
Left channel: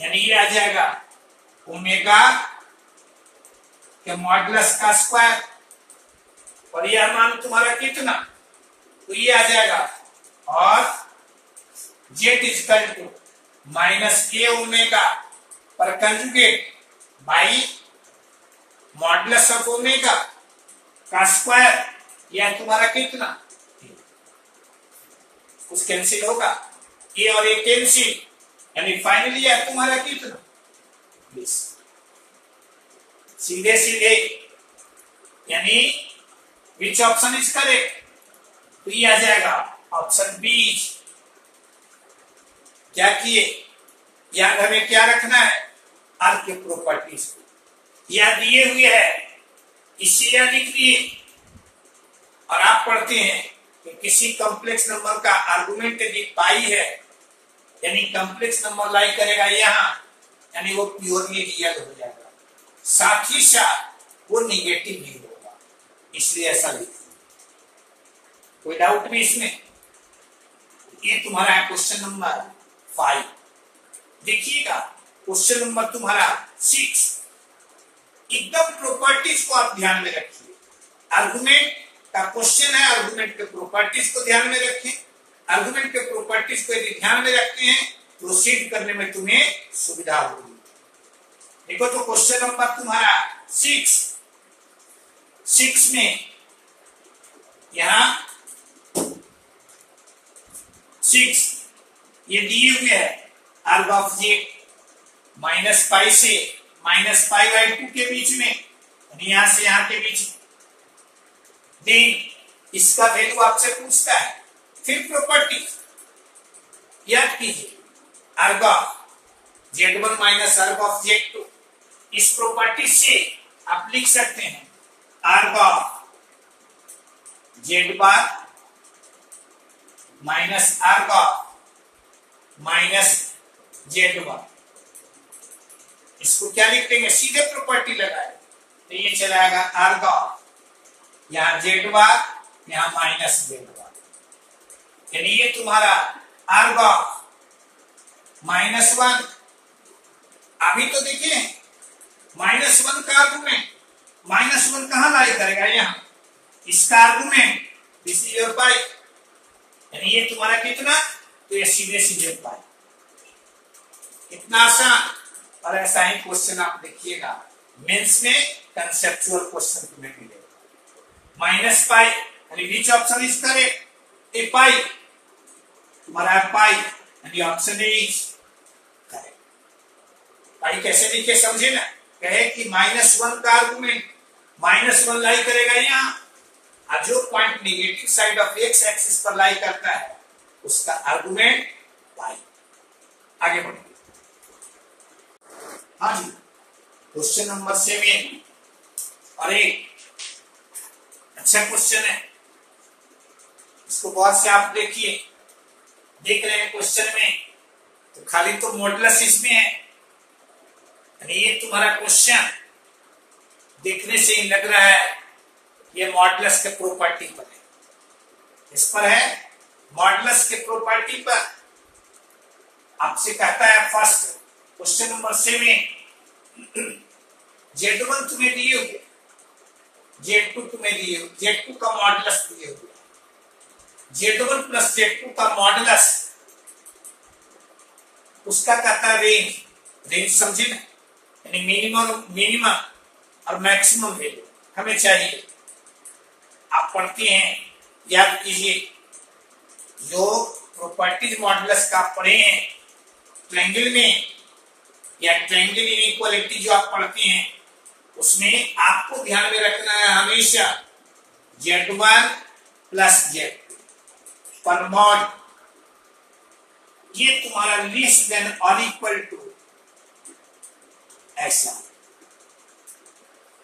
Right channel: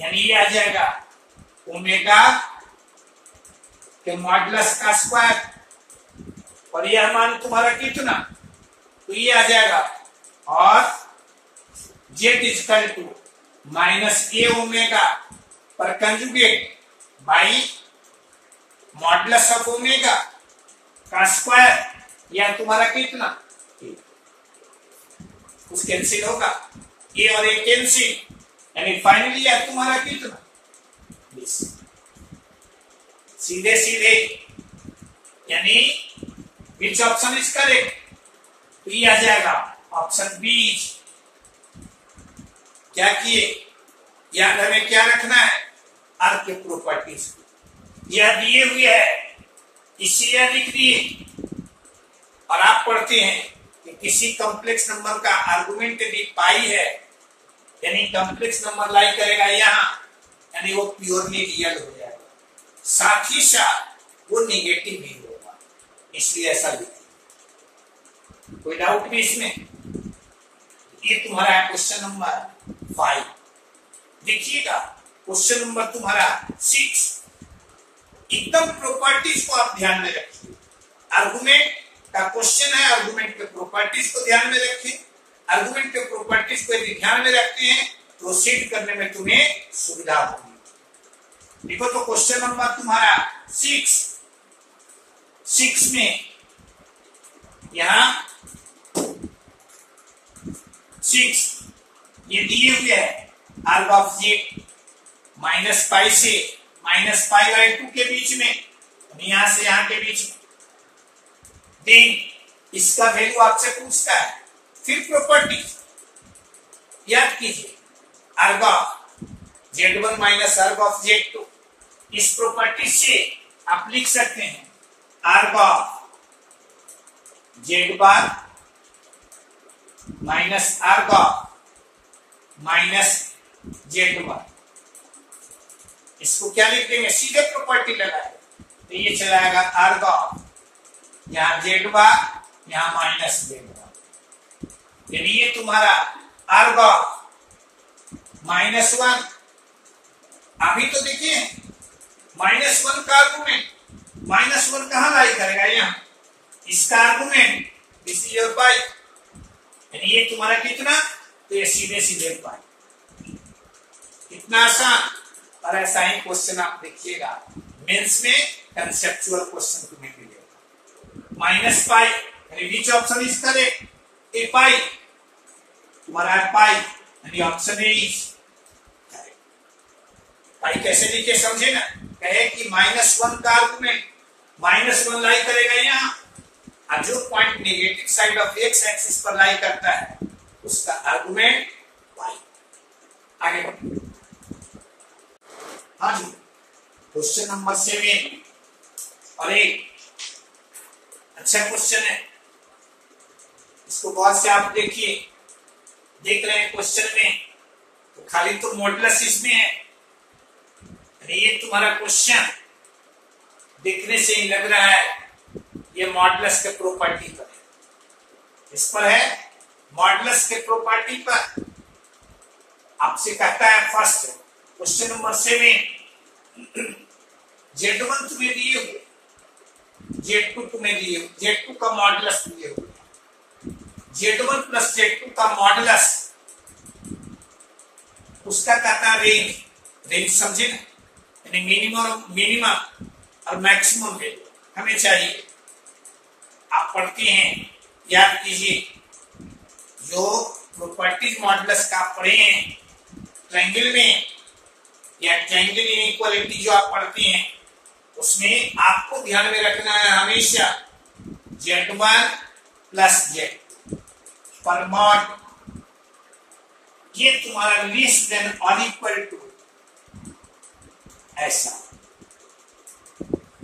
यानी ये आ जाएगा ओमेगा के मॉडुलस का स्क्वायर और यह मान तुम्हारा कितना, तो ये आ जाएगा और Z equal to minus A omega पर conjugate by modulus of omega का स्क्वायर, यह तुम्हारा कितना, कुछ कैंसिल होगा ए और ए कैंसिल यानी फाइनली यह तुम्हारा कितना 20। सीधे सीधे यानी विच ऑप्शन इज करेक्ट, तो ये आ जाएगा ऑप्शन बी। क्या किए, याद हमें क्या रखना है, आर के प्रॉपर्टीज यह दिए हुए है इसे यह लिख दिए और आप पढ़ते हैं कि किसी कॉम्प्लेक्स नंबर का आर्गुमेंट यदि पाई है यानी कॉम्प्लेक्स नंबर लाई करेगा यहाँ यानी वो प्योरली रियल हो जाएगा, साथ ही साथ वो निगेटिव भी होगा, इसलिए ऐसा लिखा। कोई डाउट भी इसमें? ये तुम्हारा है क्वेश्चन नंबर 5। देखिएगा क्वेश्चन नंबर तुम्हारा 6, एकदम प्रॉपर्टीज को आप ध्यान में रखिए। आर्गुमेंट का क्वेश्चन है, आर्गुमेंट के प्रॉपर्टीज को ध्यान में रखिए। आर्गुमेंट के प्रॉपर्टीज को यदि ध्यान में रखते हैं प्रोसीड करने में तुम्हें सुविधा होगी। देखो तो क्वेश्चन नंबर तुम्हारा 6 में यहां 6 ये दिए हुए है आर्ग ऑफ जेड माइनस पाई से माइनस पाई बाई 2 के बीच में, यहां से यहां के बीच में। देन इसका वैल्यू आपसे पूछता है। फिर प्रॉपर्टी याद कीजिए, अर्ग ऑफ Z1 माइनस अर्ग ऑफ Z2। इस प्रॉपर्टी से आप लिख सकते हैं अर्ग ऑफ Z बार माइनस अर्ग ऑफ माइनस Z1। इसको क्या लिख देंगे, सीधे प्रॉपर्टी लगाए तो ये चलाएगा अर्ग ऑफ, यहां Z बार यहां माइनस Z बार, यानी ये तुम्हारा अर्ग ऑफ -1। अभी तो देखिए -1 का आर्गुमेंट, -1 कहां लाई करेगा, यहां इसका आर्गुमेंट, दिस इज योर पाई, यानी ये तुम्हारा कितना, तो ये सीधे सीधे पाई। कितना आसान। और ऐसा ही क्वेश्चन आप देखिएगा मेंस में, कंसेप्चुअल क्वेश्चन तुम्हें मिलेगा। -पाई यानी विच ऑप्शन इज करेक्ट, ए पाई, तुम्हारा है पाई, यानी ऑप्शन ए इज करेक्ट। पाई कैसे लिखे समझे ना, कहे कि -1 का आर्गुमेंट -1 लाई करेगा यहां, और जो point negative side of x axis पर लाई करता है उसका आर्गुमेंट पाई। आगे बढ़ो। हाँ जी, क्वेश्चन नंबर 7 और एक अच्छा क्वेश्चन है, इसको बहुत से आप देखिए, देख रहे हैं क्वेश्चन में तो खाली तो मॉडुलस इसमें है, ये तुम्हारा क्वेश्चन देखने से ही लग रहा है ये मॉडुलस के प्रॉपर्टी पर है। इस पर है मॉडुलस के प्रॉपर्टी पर। आपसे कहता है फर्स्ट क्वेश्चन नंबर 7, Z1 तुम्हें दिए हुए, Z2 तुम्हें दिए हुए, Z2 का मॉडुलस दिए हुए, Z1 प्लस Z2 का मॉडुलस, उसका कहता है रेंज। रेंज समझे ना, यानी मिनिमम और मैक्सिमम वैल्यू हमें चाहिए। आप पढ़ते हैं, याद कीजिए, जो प्रॉपर्टीज मॉडुलस का पढ़े हैं ट्रायंगल में या ट्रायंगल इनइक्वालिटी जो आप पढ़ते हैं, उसमें आपको ध्यान में रखना है हमेशा Z1 प्लस Z2 पर मॉड, ये तुम्हारा लेस देन और इक्वल टू ऐसा,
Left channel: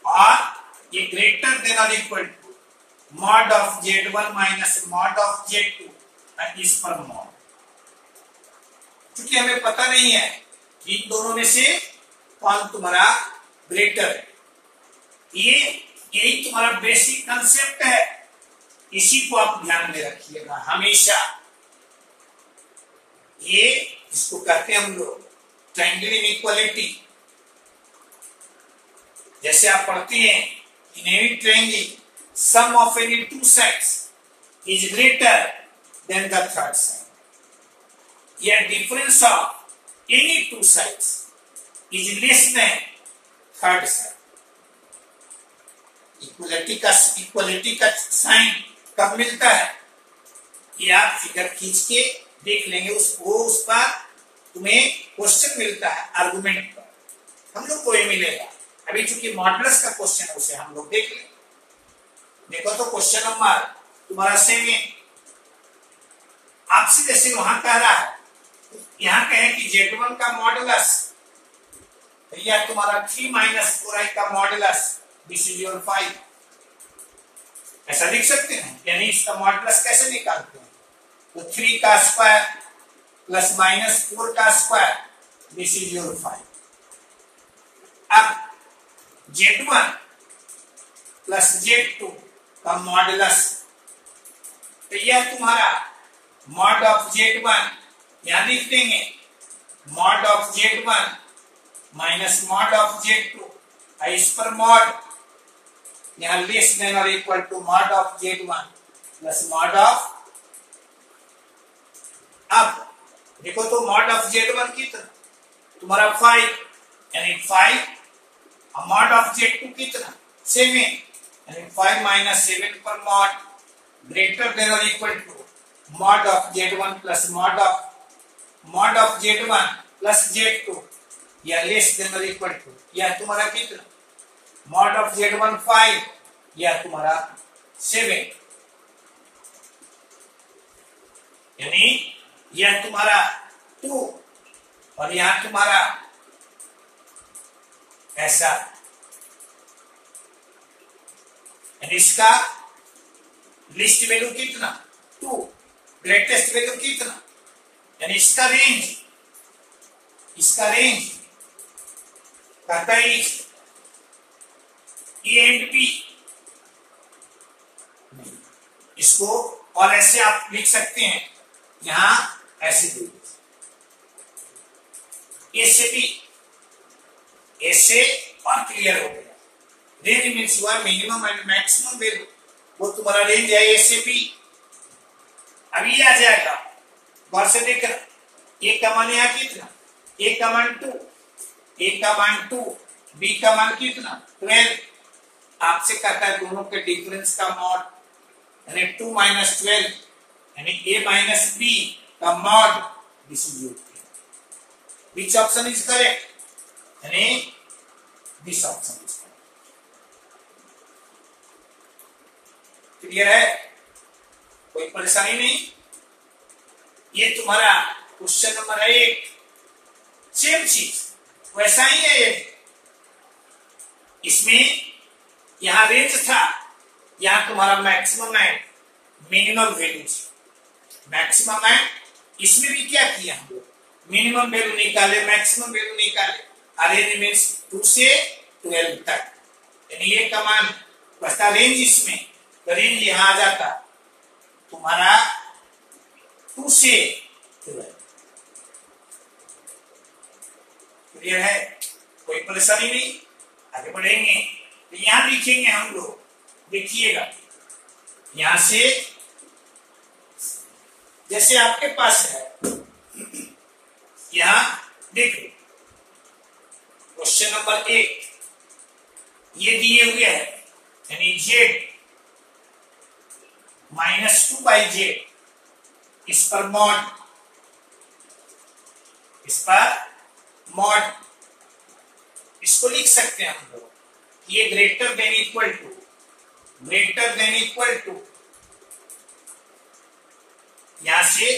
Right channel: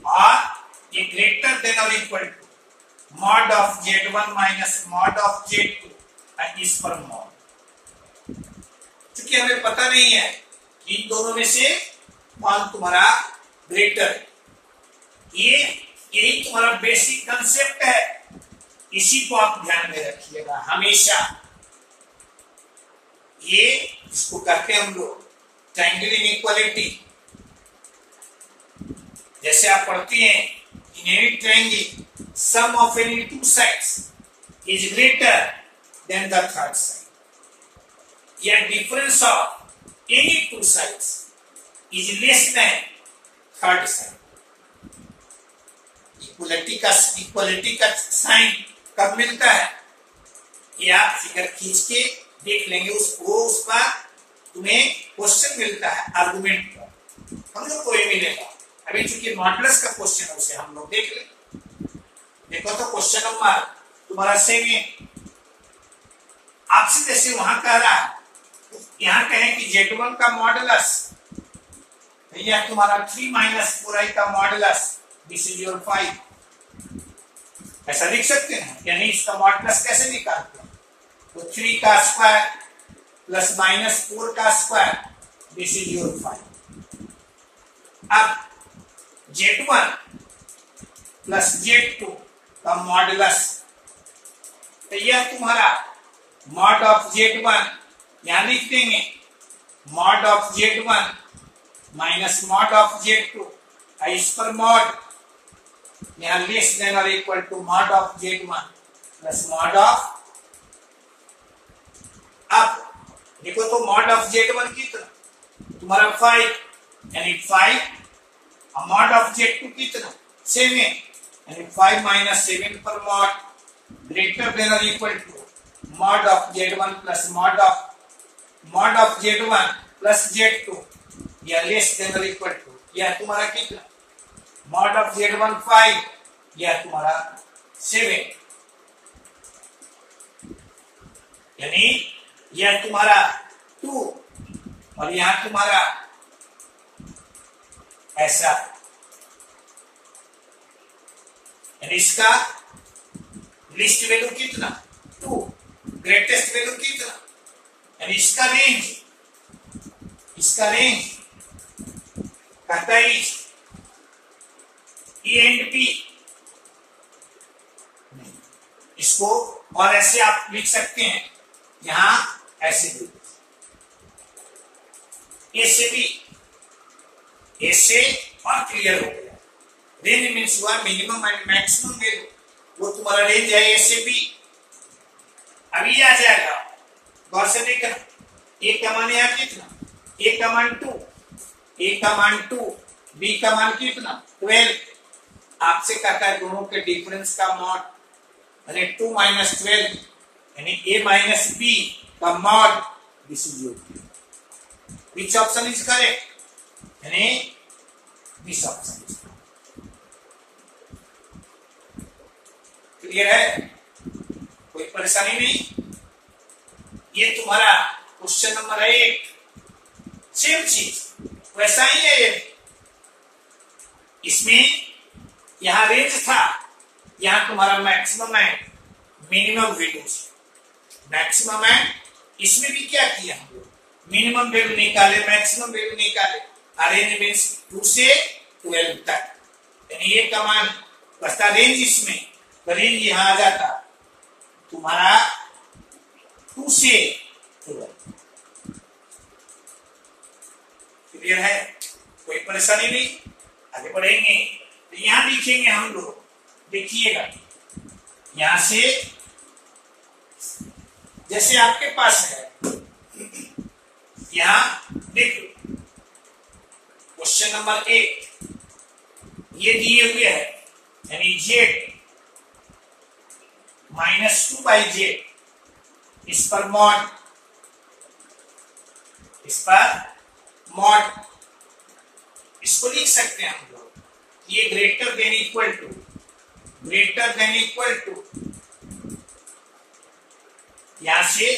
और ये ग्रेटर देन और equal to mod of Z1 minus mod of Z2 और इस पर मॉड। क्योंकि हमें पता नहीं है इन दोनों में से कौन तुम्हारा ग्रेटर है, ये यही तुम्हारा बेसिक कंसेप्ट है, इसी को आप ध्यान में रखिएगा हमेशा। ये इसको करते हैं हम लोग ट्रायंगल इनइक्वालिटी। जैसे आप पढ़ते हैं in any triangle sum of any two sides is greater than the third side, या difference of any two sides is less than third side. Equality का साइन कब मिलता है, कि आप फिगर खींच के देख लेंगे, उस पर तुम्हें क्वेश्चन मिलता है आर्गुमेंट पर, हम लोग को ये मिलेगा। अभी चूंकि मॉडुलस का क्वेश्चन है उसे हम लोग देख लें। देखो तो क्वेश्चन नंबर तुम्हारा 7 आपसे जैसे वहां कह रहा है, यहां कहें कि Z1 का मॉडुलस, यह तुम्हारा 3 माइनस 4i का मॉडुलस, दिस इज योर 5, ऐसा लिख सकते हैं। यानी इसका मॉडुलस कैसे निकालते हैं, तो 3 का स्क्वायर प्लस माइनस 4 का स्क्वायर, दिस इज योर 5। अब Z1 प्लस Z2 का मॉडुलस, तो यह तुम्हारा मॉड ऑफ Z1, यहां लिख देंगे mod of Z1 minus mod of Z2, इस पर मॉड, यहां लेस देन और equal to mod of Z1 plus mod of. अब देखो तो मॉड ऑफ Z1 कितना, तुम्हारा 5, यानी 5, और मॉड ऑफ Z2 कितना 7, यानी 5 माइनस 7 पर मॉड, ग्रेटर देन और equal to mod of Z1 plus mod of Z1 plus Z2, या लेस देन और इक्वल टू, यह तुम्हारा कितना मॉड ऑफ Z1 5, यह तुम्हारा 7, यानी यह तुम्हारा 2 और यहां तुम्हारा ऐसा, यानी इसका लिस्ट वैल्यू कितना 2, ग्रेटेस्ट वैल्यू कितना, यानी इसका रेंज कहता है ए एंड बी, इसको और ऐसे आप लिख सकते हैं, यहां ऐसे ए से बी, ए से और क्लियर हो गया। रेंज मीन्स हुआ मिनिमम एंड मैक्सिमम वैल्यू, वो तुम्हारा रेंज है ए से बी। अभी आ जाएगा, गौर से देखना, ए का मान यहाँ कितना, ए का मान 2, ए का मान 2, बी का मान कितना 12। आपसे कहता है दोनों के डिफरेंस का मॉड, यानी 2 माइनस 12, यानी ए माइनस बी का mod, this is your P. Which option is correct, यानी this option is correct. Clear है, कोई परेशानी नहीं। ये तुम्हारा क्वेश्चन नंबर 1, सेम चीज वैसा ही है। ये इसमें यहां रेंज था, यहां तुम्हारा maximum and minimum value, maximum and, इसमें भी क्या किया हम लोग, मिनिमम वैल्यू निकाले, मैक्सिमम वैल्यू निकाले। रेंज मीन्स 2 से 12 तक, यानी ये का मान बचता रेंज, इसमें रेंज यहां आ जाता तुम्हारा 2 से 12। क्लियर है, कोई परेशानी नहीं। आगे बढ़ेंगे तो यहां लिखेंगे हम लोग, देखिएगा यहां से, जैसे आपके पास है, यहां देखो क्वेश्चन नंबर 1 ये दिए हुए है, यानी z -2/z, इस पर मॉड, इसको लिख सकते हैं हम लोग, ये ग्रेटर देन इक्वल टू, यहां से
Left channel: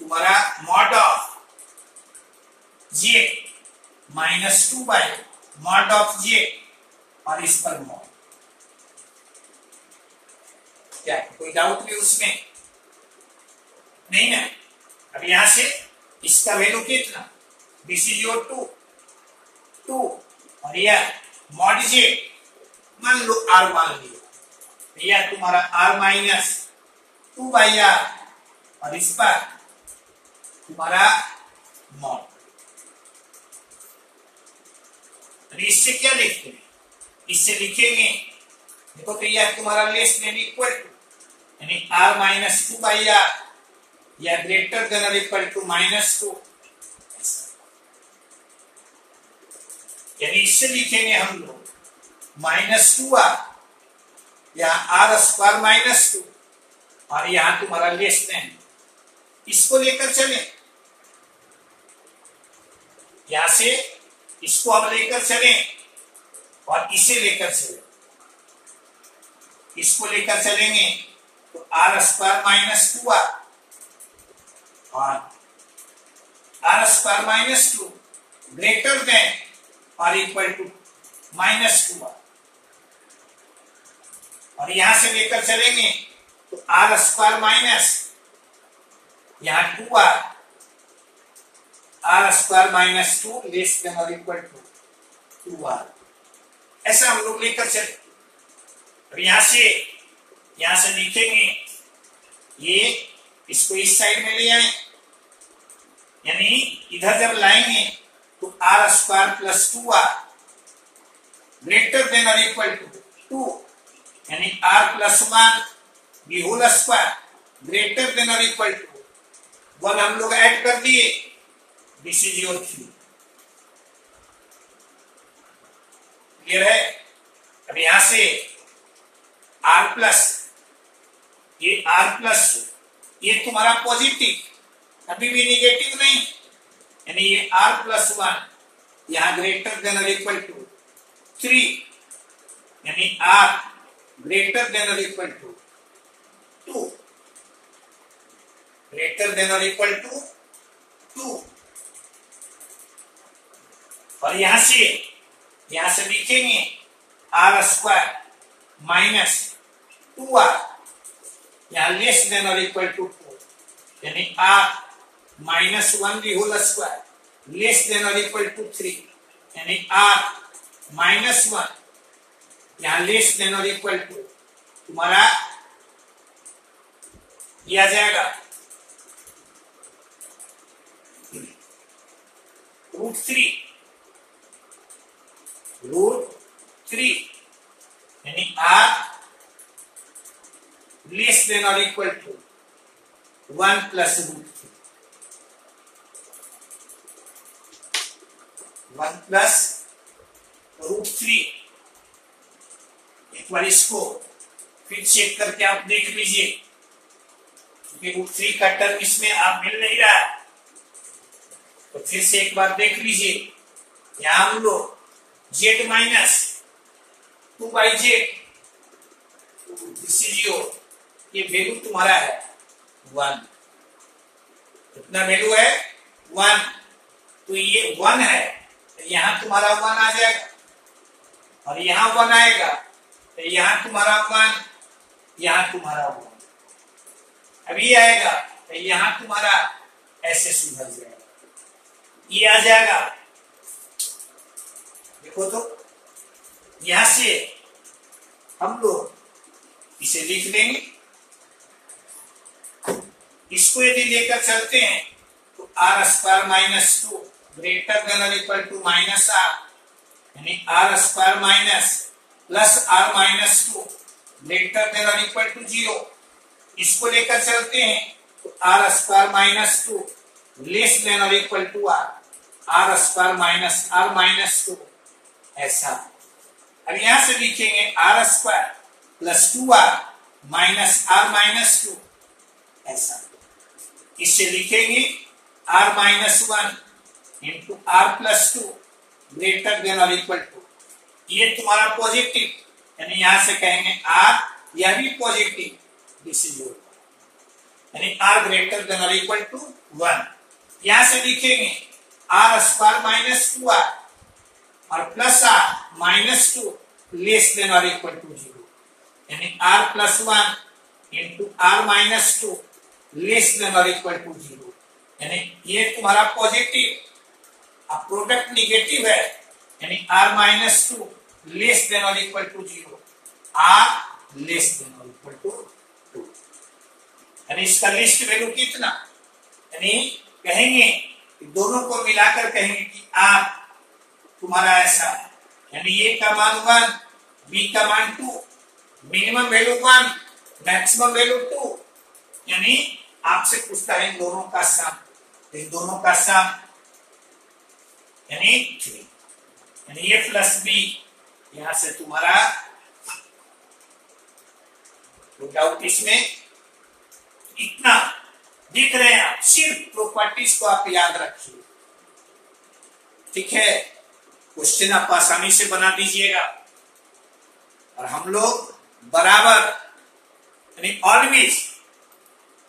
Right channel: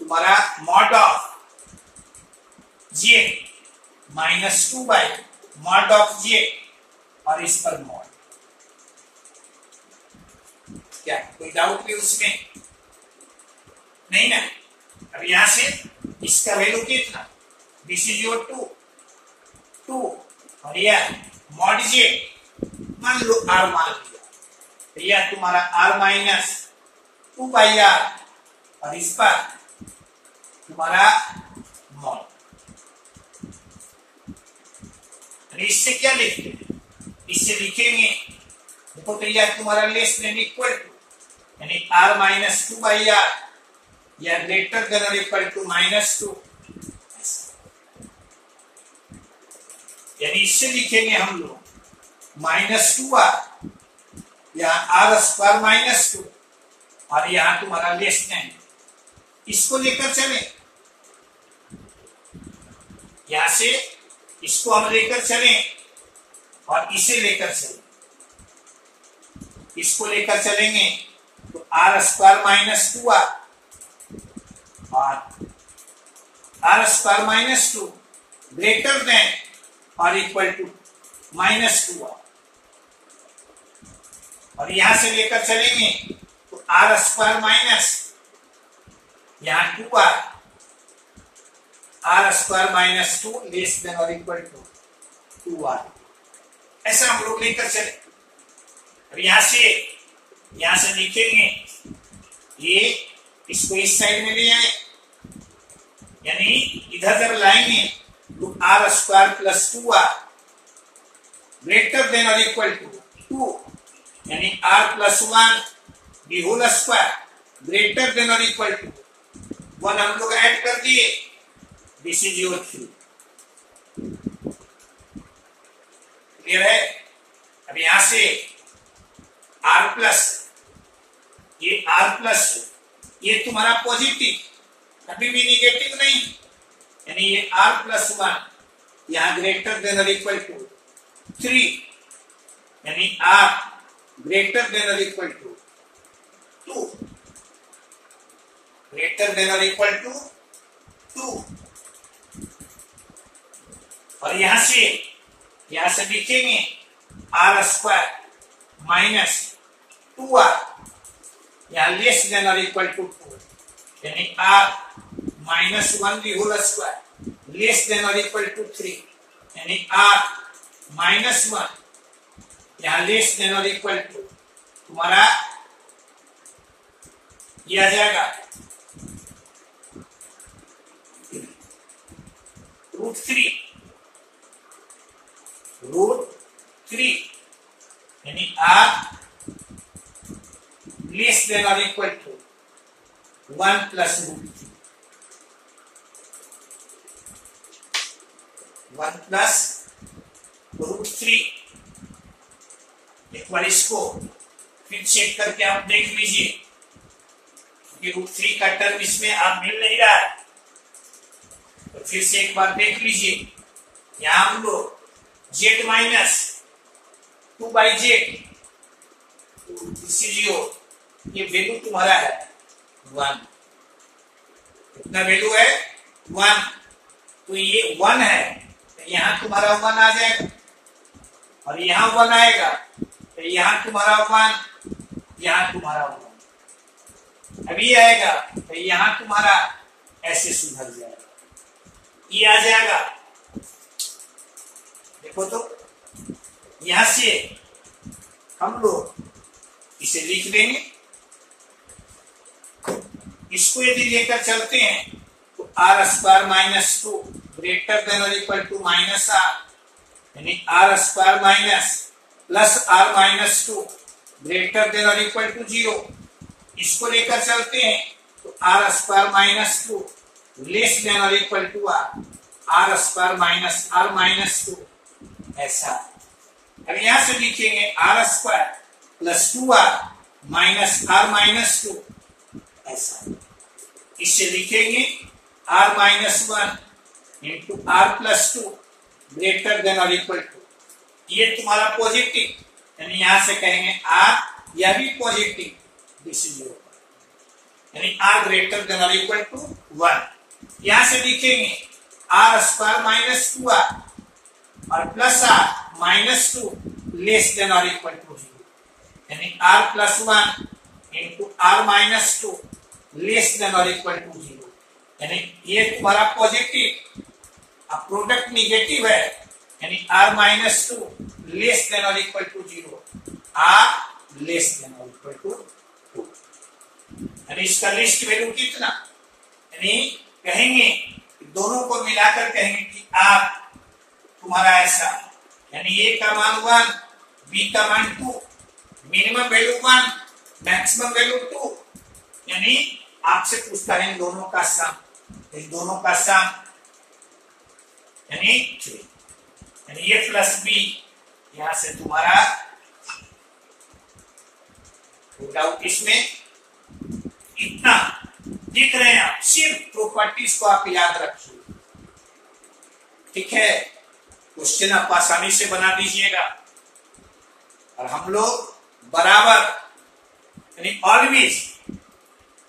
तुम्हारा मॉड ऑफ j -2/मॉड ऑफ j, और इस पर मॉड। क्या कोई डाउट भी उसमें नहीं ना। अब यहां से इसका वैल्यू कितना, दिस इज योर 2 और यह मॉड j, मान लो r मान लिया, तो यह तुम्हारा r -2/r, और इस पर तुम्हारा मॉड। इससे क्या लिखते हैं, इससे लिखेंगे, देखो तो यह तुम्हारा लेस देन इक्वल टू, यानी r -2/r, या ग्रेटर देन और इक्वल टू -2, यानी इससे लिखेंगे हम लोग -2r, यहाँ r² -2, और यहां तुम्हारा लेस देन, इसको लेकर चले, यहां से इसको हम लेकर चले और इसे लेकर चले, इसको लेकर चलेंगे तो r² -2r, और r² -2 ग्रेटर देन और इक्वल टू -2r, और यहां से लेकर चलेंगे तो r² यहाँ 2r, r² -2 लेस देन और इक्वल टू 2r, ऐसा हम लोग लेकर चले। अब यहां से लिखेंगे, ये इसको इस साइड में ले आए, यानी इधर जब लाएंगे तो r² + 2r ग्रेटर देन और इक्वल टू 2, यानी r + 1 the whole square greater than और इक्वल टू 1 हम लोग ऐड कर दिए, दिस इज योर 3। क्लियर है। अब यहां से r+, ये r+, ये तुम्हारा पॉजिटिव, अभी भी निगेटिव नहीं, यानी ये r + 1 यहां ग्रेटर देन और इक्वल टू 3, यानी R ग्रेटर देन और इक्वल टू 2, ग्रेटर देन और इक्वल टू 2। और यहां से लिखेंगे R स्क्वायर माइनस 2R, यहां लेस देन और इक्वल टू 2, यानी R minus 1 the whole square less than और इक्वल टू 3, यानी R माइनस 1 यहां लेस देन और इक्वल टू तुम्हारा ये आ जाएगा रूट थ्री, यानी R लेस देन और equal to 1 plus root 1 plus root 3। एक बार इसको फिर चेक करके आप देख लीजिए, क्योंकि रूट 3 का टर्म इसमें आप मिल नहीं रहा है, तो फिर से एक बार देख लीजिए। यहां हम लोग z माइनस 2/z ये वैल्यू तुम्हारा है 1, कितना वैल्यू है 1, तो ये 1 है, तो यहां तुम्हारा 1 आ जाएगा, और यहां 1 आएगा, तो यहां तुम्हारा 1, यहां तुम्हारा 1 अभी आएगा, तो यहां तुम्हारा ऐसे सुधर जाएगा, ये आ जाएगा। देखो तो यहां से हम लोग इसे लिख देंगे, इसको यदि लेकर चलते हैं तो R square minus 2 greater than और इक्वल टू माइनस R, यानी R square minus plus R minus 2 greater than और इक्वल टू 0। इसको लेकर चलते हैं तो R square minus 2 less than और equal to R square minus R minus 2, ऐसा। और यहां से लिखेंगे R square plus 2R minus R minus 2, ऐसा। इससे लिखेंगे R minus 1 into R plus 2 greater than और इक्वल टू, ये तुम्हारा पॉजिटिव, यानी यहां से कहेंगे R यह भी पॉजिटिव, दिस इज यानी R ग्रेटर देन और इक्वल टू 1। यहां से लिखेंगे R स्क्वायर माइनस 2R और plus R minus 2 less than और इक्वल टू 0, यानी R plus 1 into R minus 2 less than और इक्वल टू 0, यानी ये तुम्हारा पॉजिटिव, अब प्रोडक्ट निगेटिव है, यानी R माइनस 2 लेस देन और equal to 0, R less than और इक्वल टू 2, यानी इसका लिस्ट वैल्यू कितना, यानी कहेंगे दोनों को मिलाकर कहेंगे कि R तुम्हारा ऐसा, यानी A का मान 1, B का मान 2, मिनिमम वैल्यू 1, मैक्सिमम वैल्यू 2, यानी आपसे पूछता है इन दोनों का सम, इन दोनों का सम यानी 3, यानी A प्लस B, यहां से तुम्हारा डाउट इसमें इतना दिख रहे हैं आप, सिर्फ प्रॉपर्टीज को आप याद रखिए, ठीक है। क्वेश्चन आप आसानी से बना दीजिएगा, और हम लोग बराबर यानी ऑलवेज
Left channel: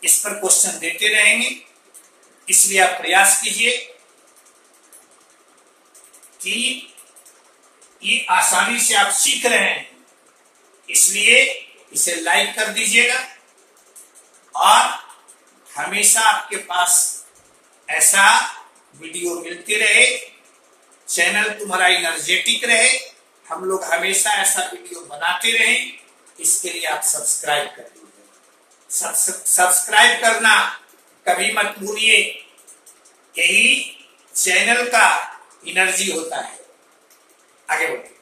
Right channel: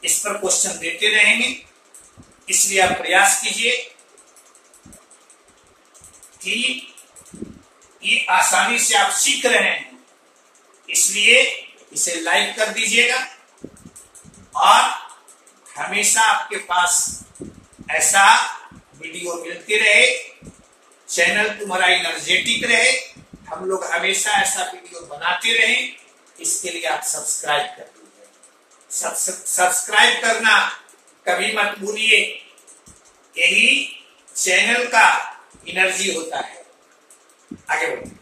इस पर क्वेश्चन देते रहेंगे, इसलिए आप प्रयास कीजिए कि ये आसानी से आप सीख रहे हैं, इसलिए इसे लाइक कर दीजिएगा, और हमेशा आपके पास ऐसा वीडियो मिलते रहे, चैनल तुम्हारा एनर्जेटिक रहे, हम लोग हमेशा ऐसा वीडियो बनाते रहे, इसके लिए आप सब्सक्राइब कर दीजिए। सब्सक्राइब करना कभी मत भूलिए, यही चैनल का एनर्जी होता है। आगे बढ़ो।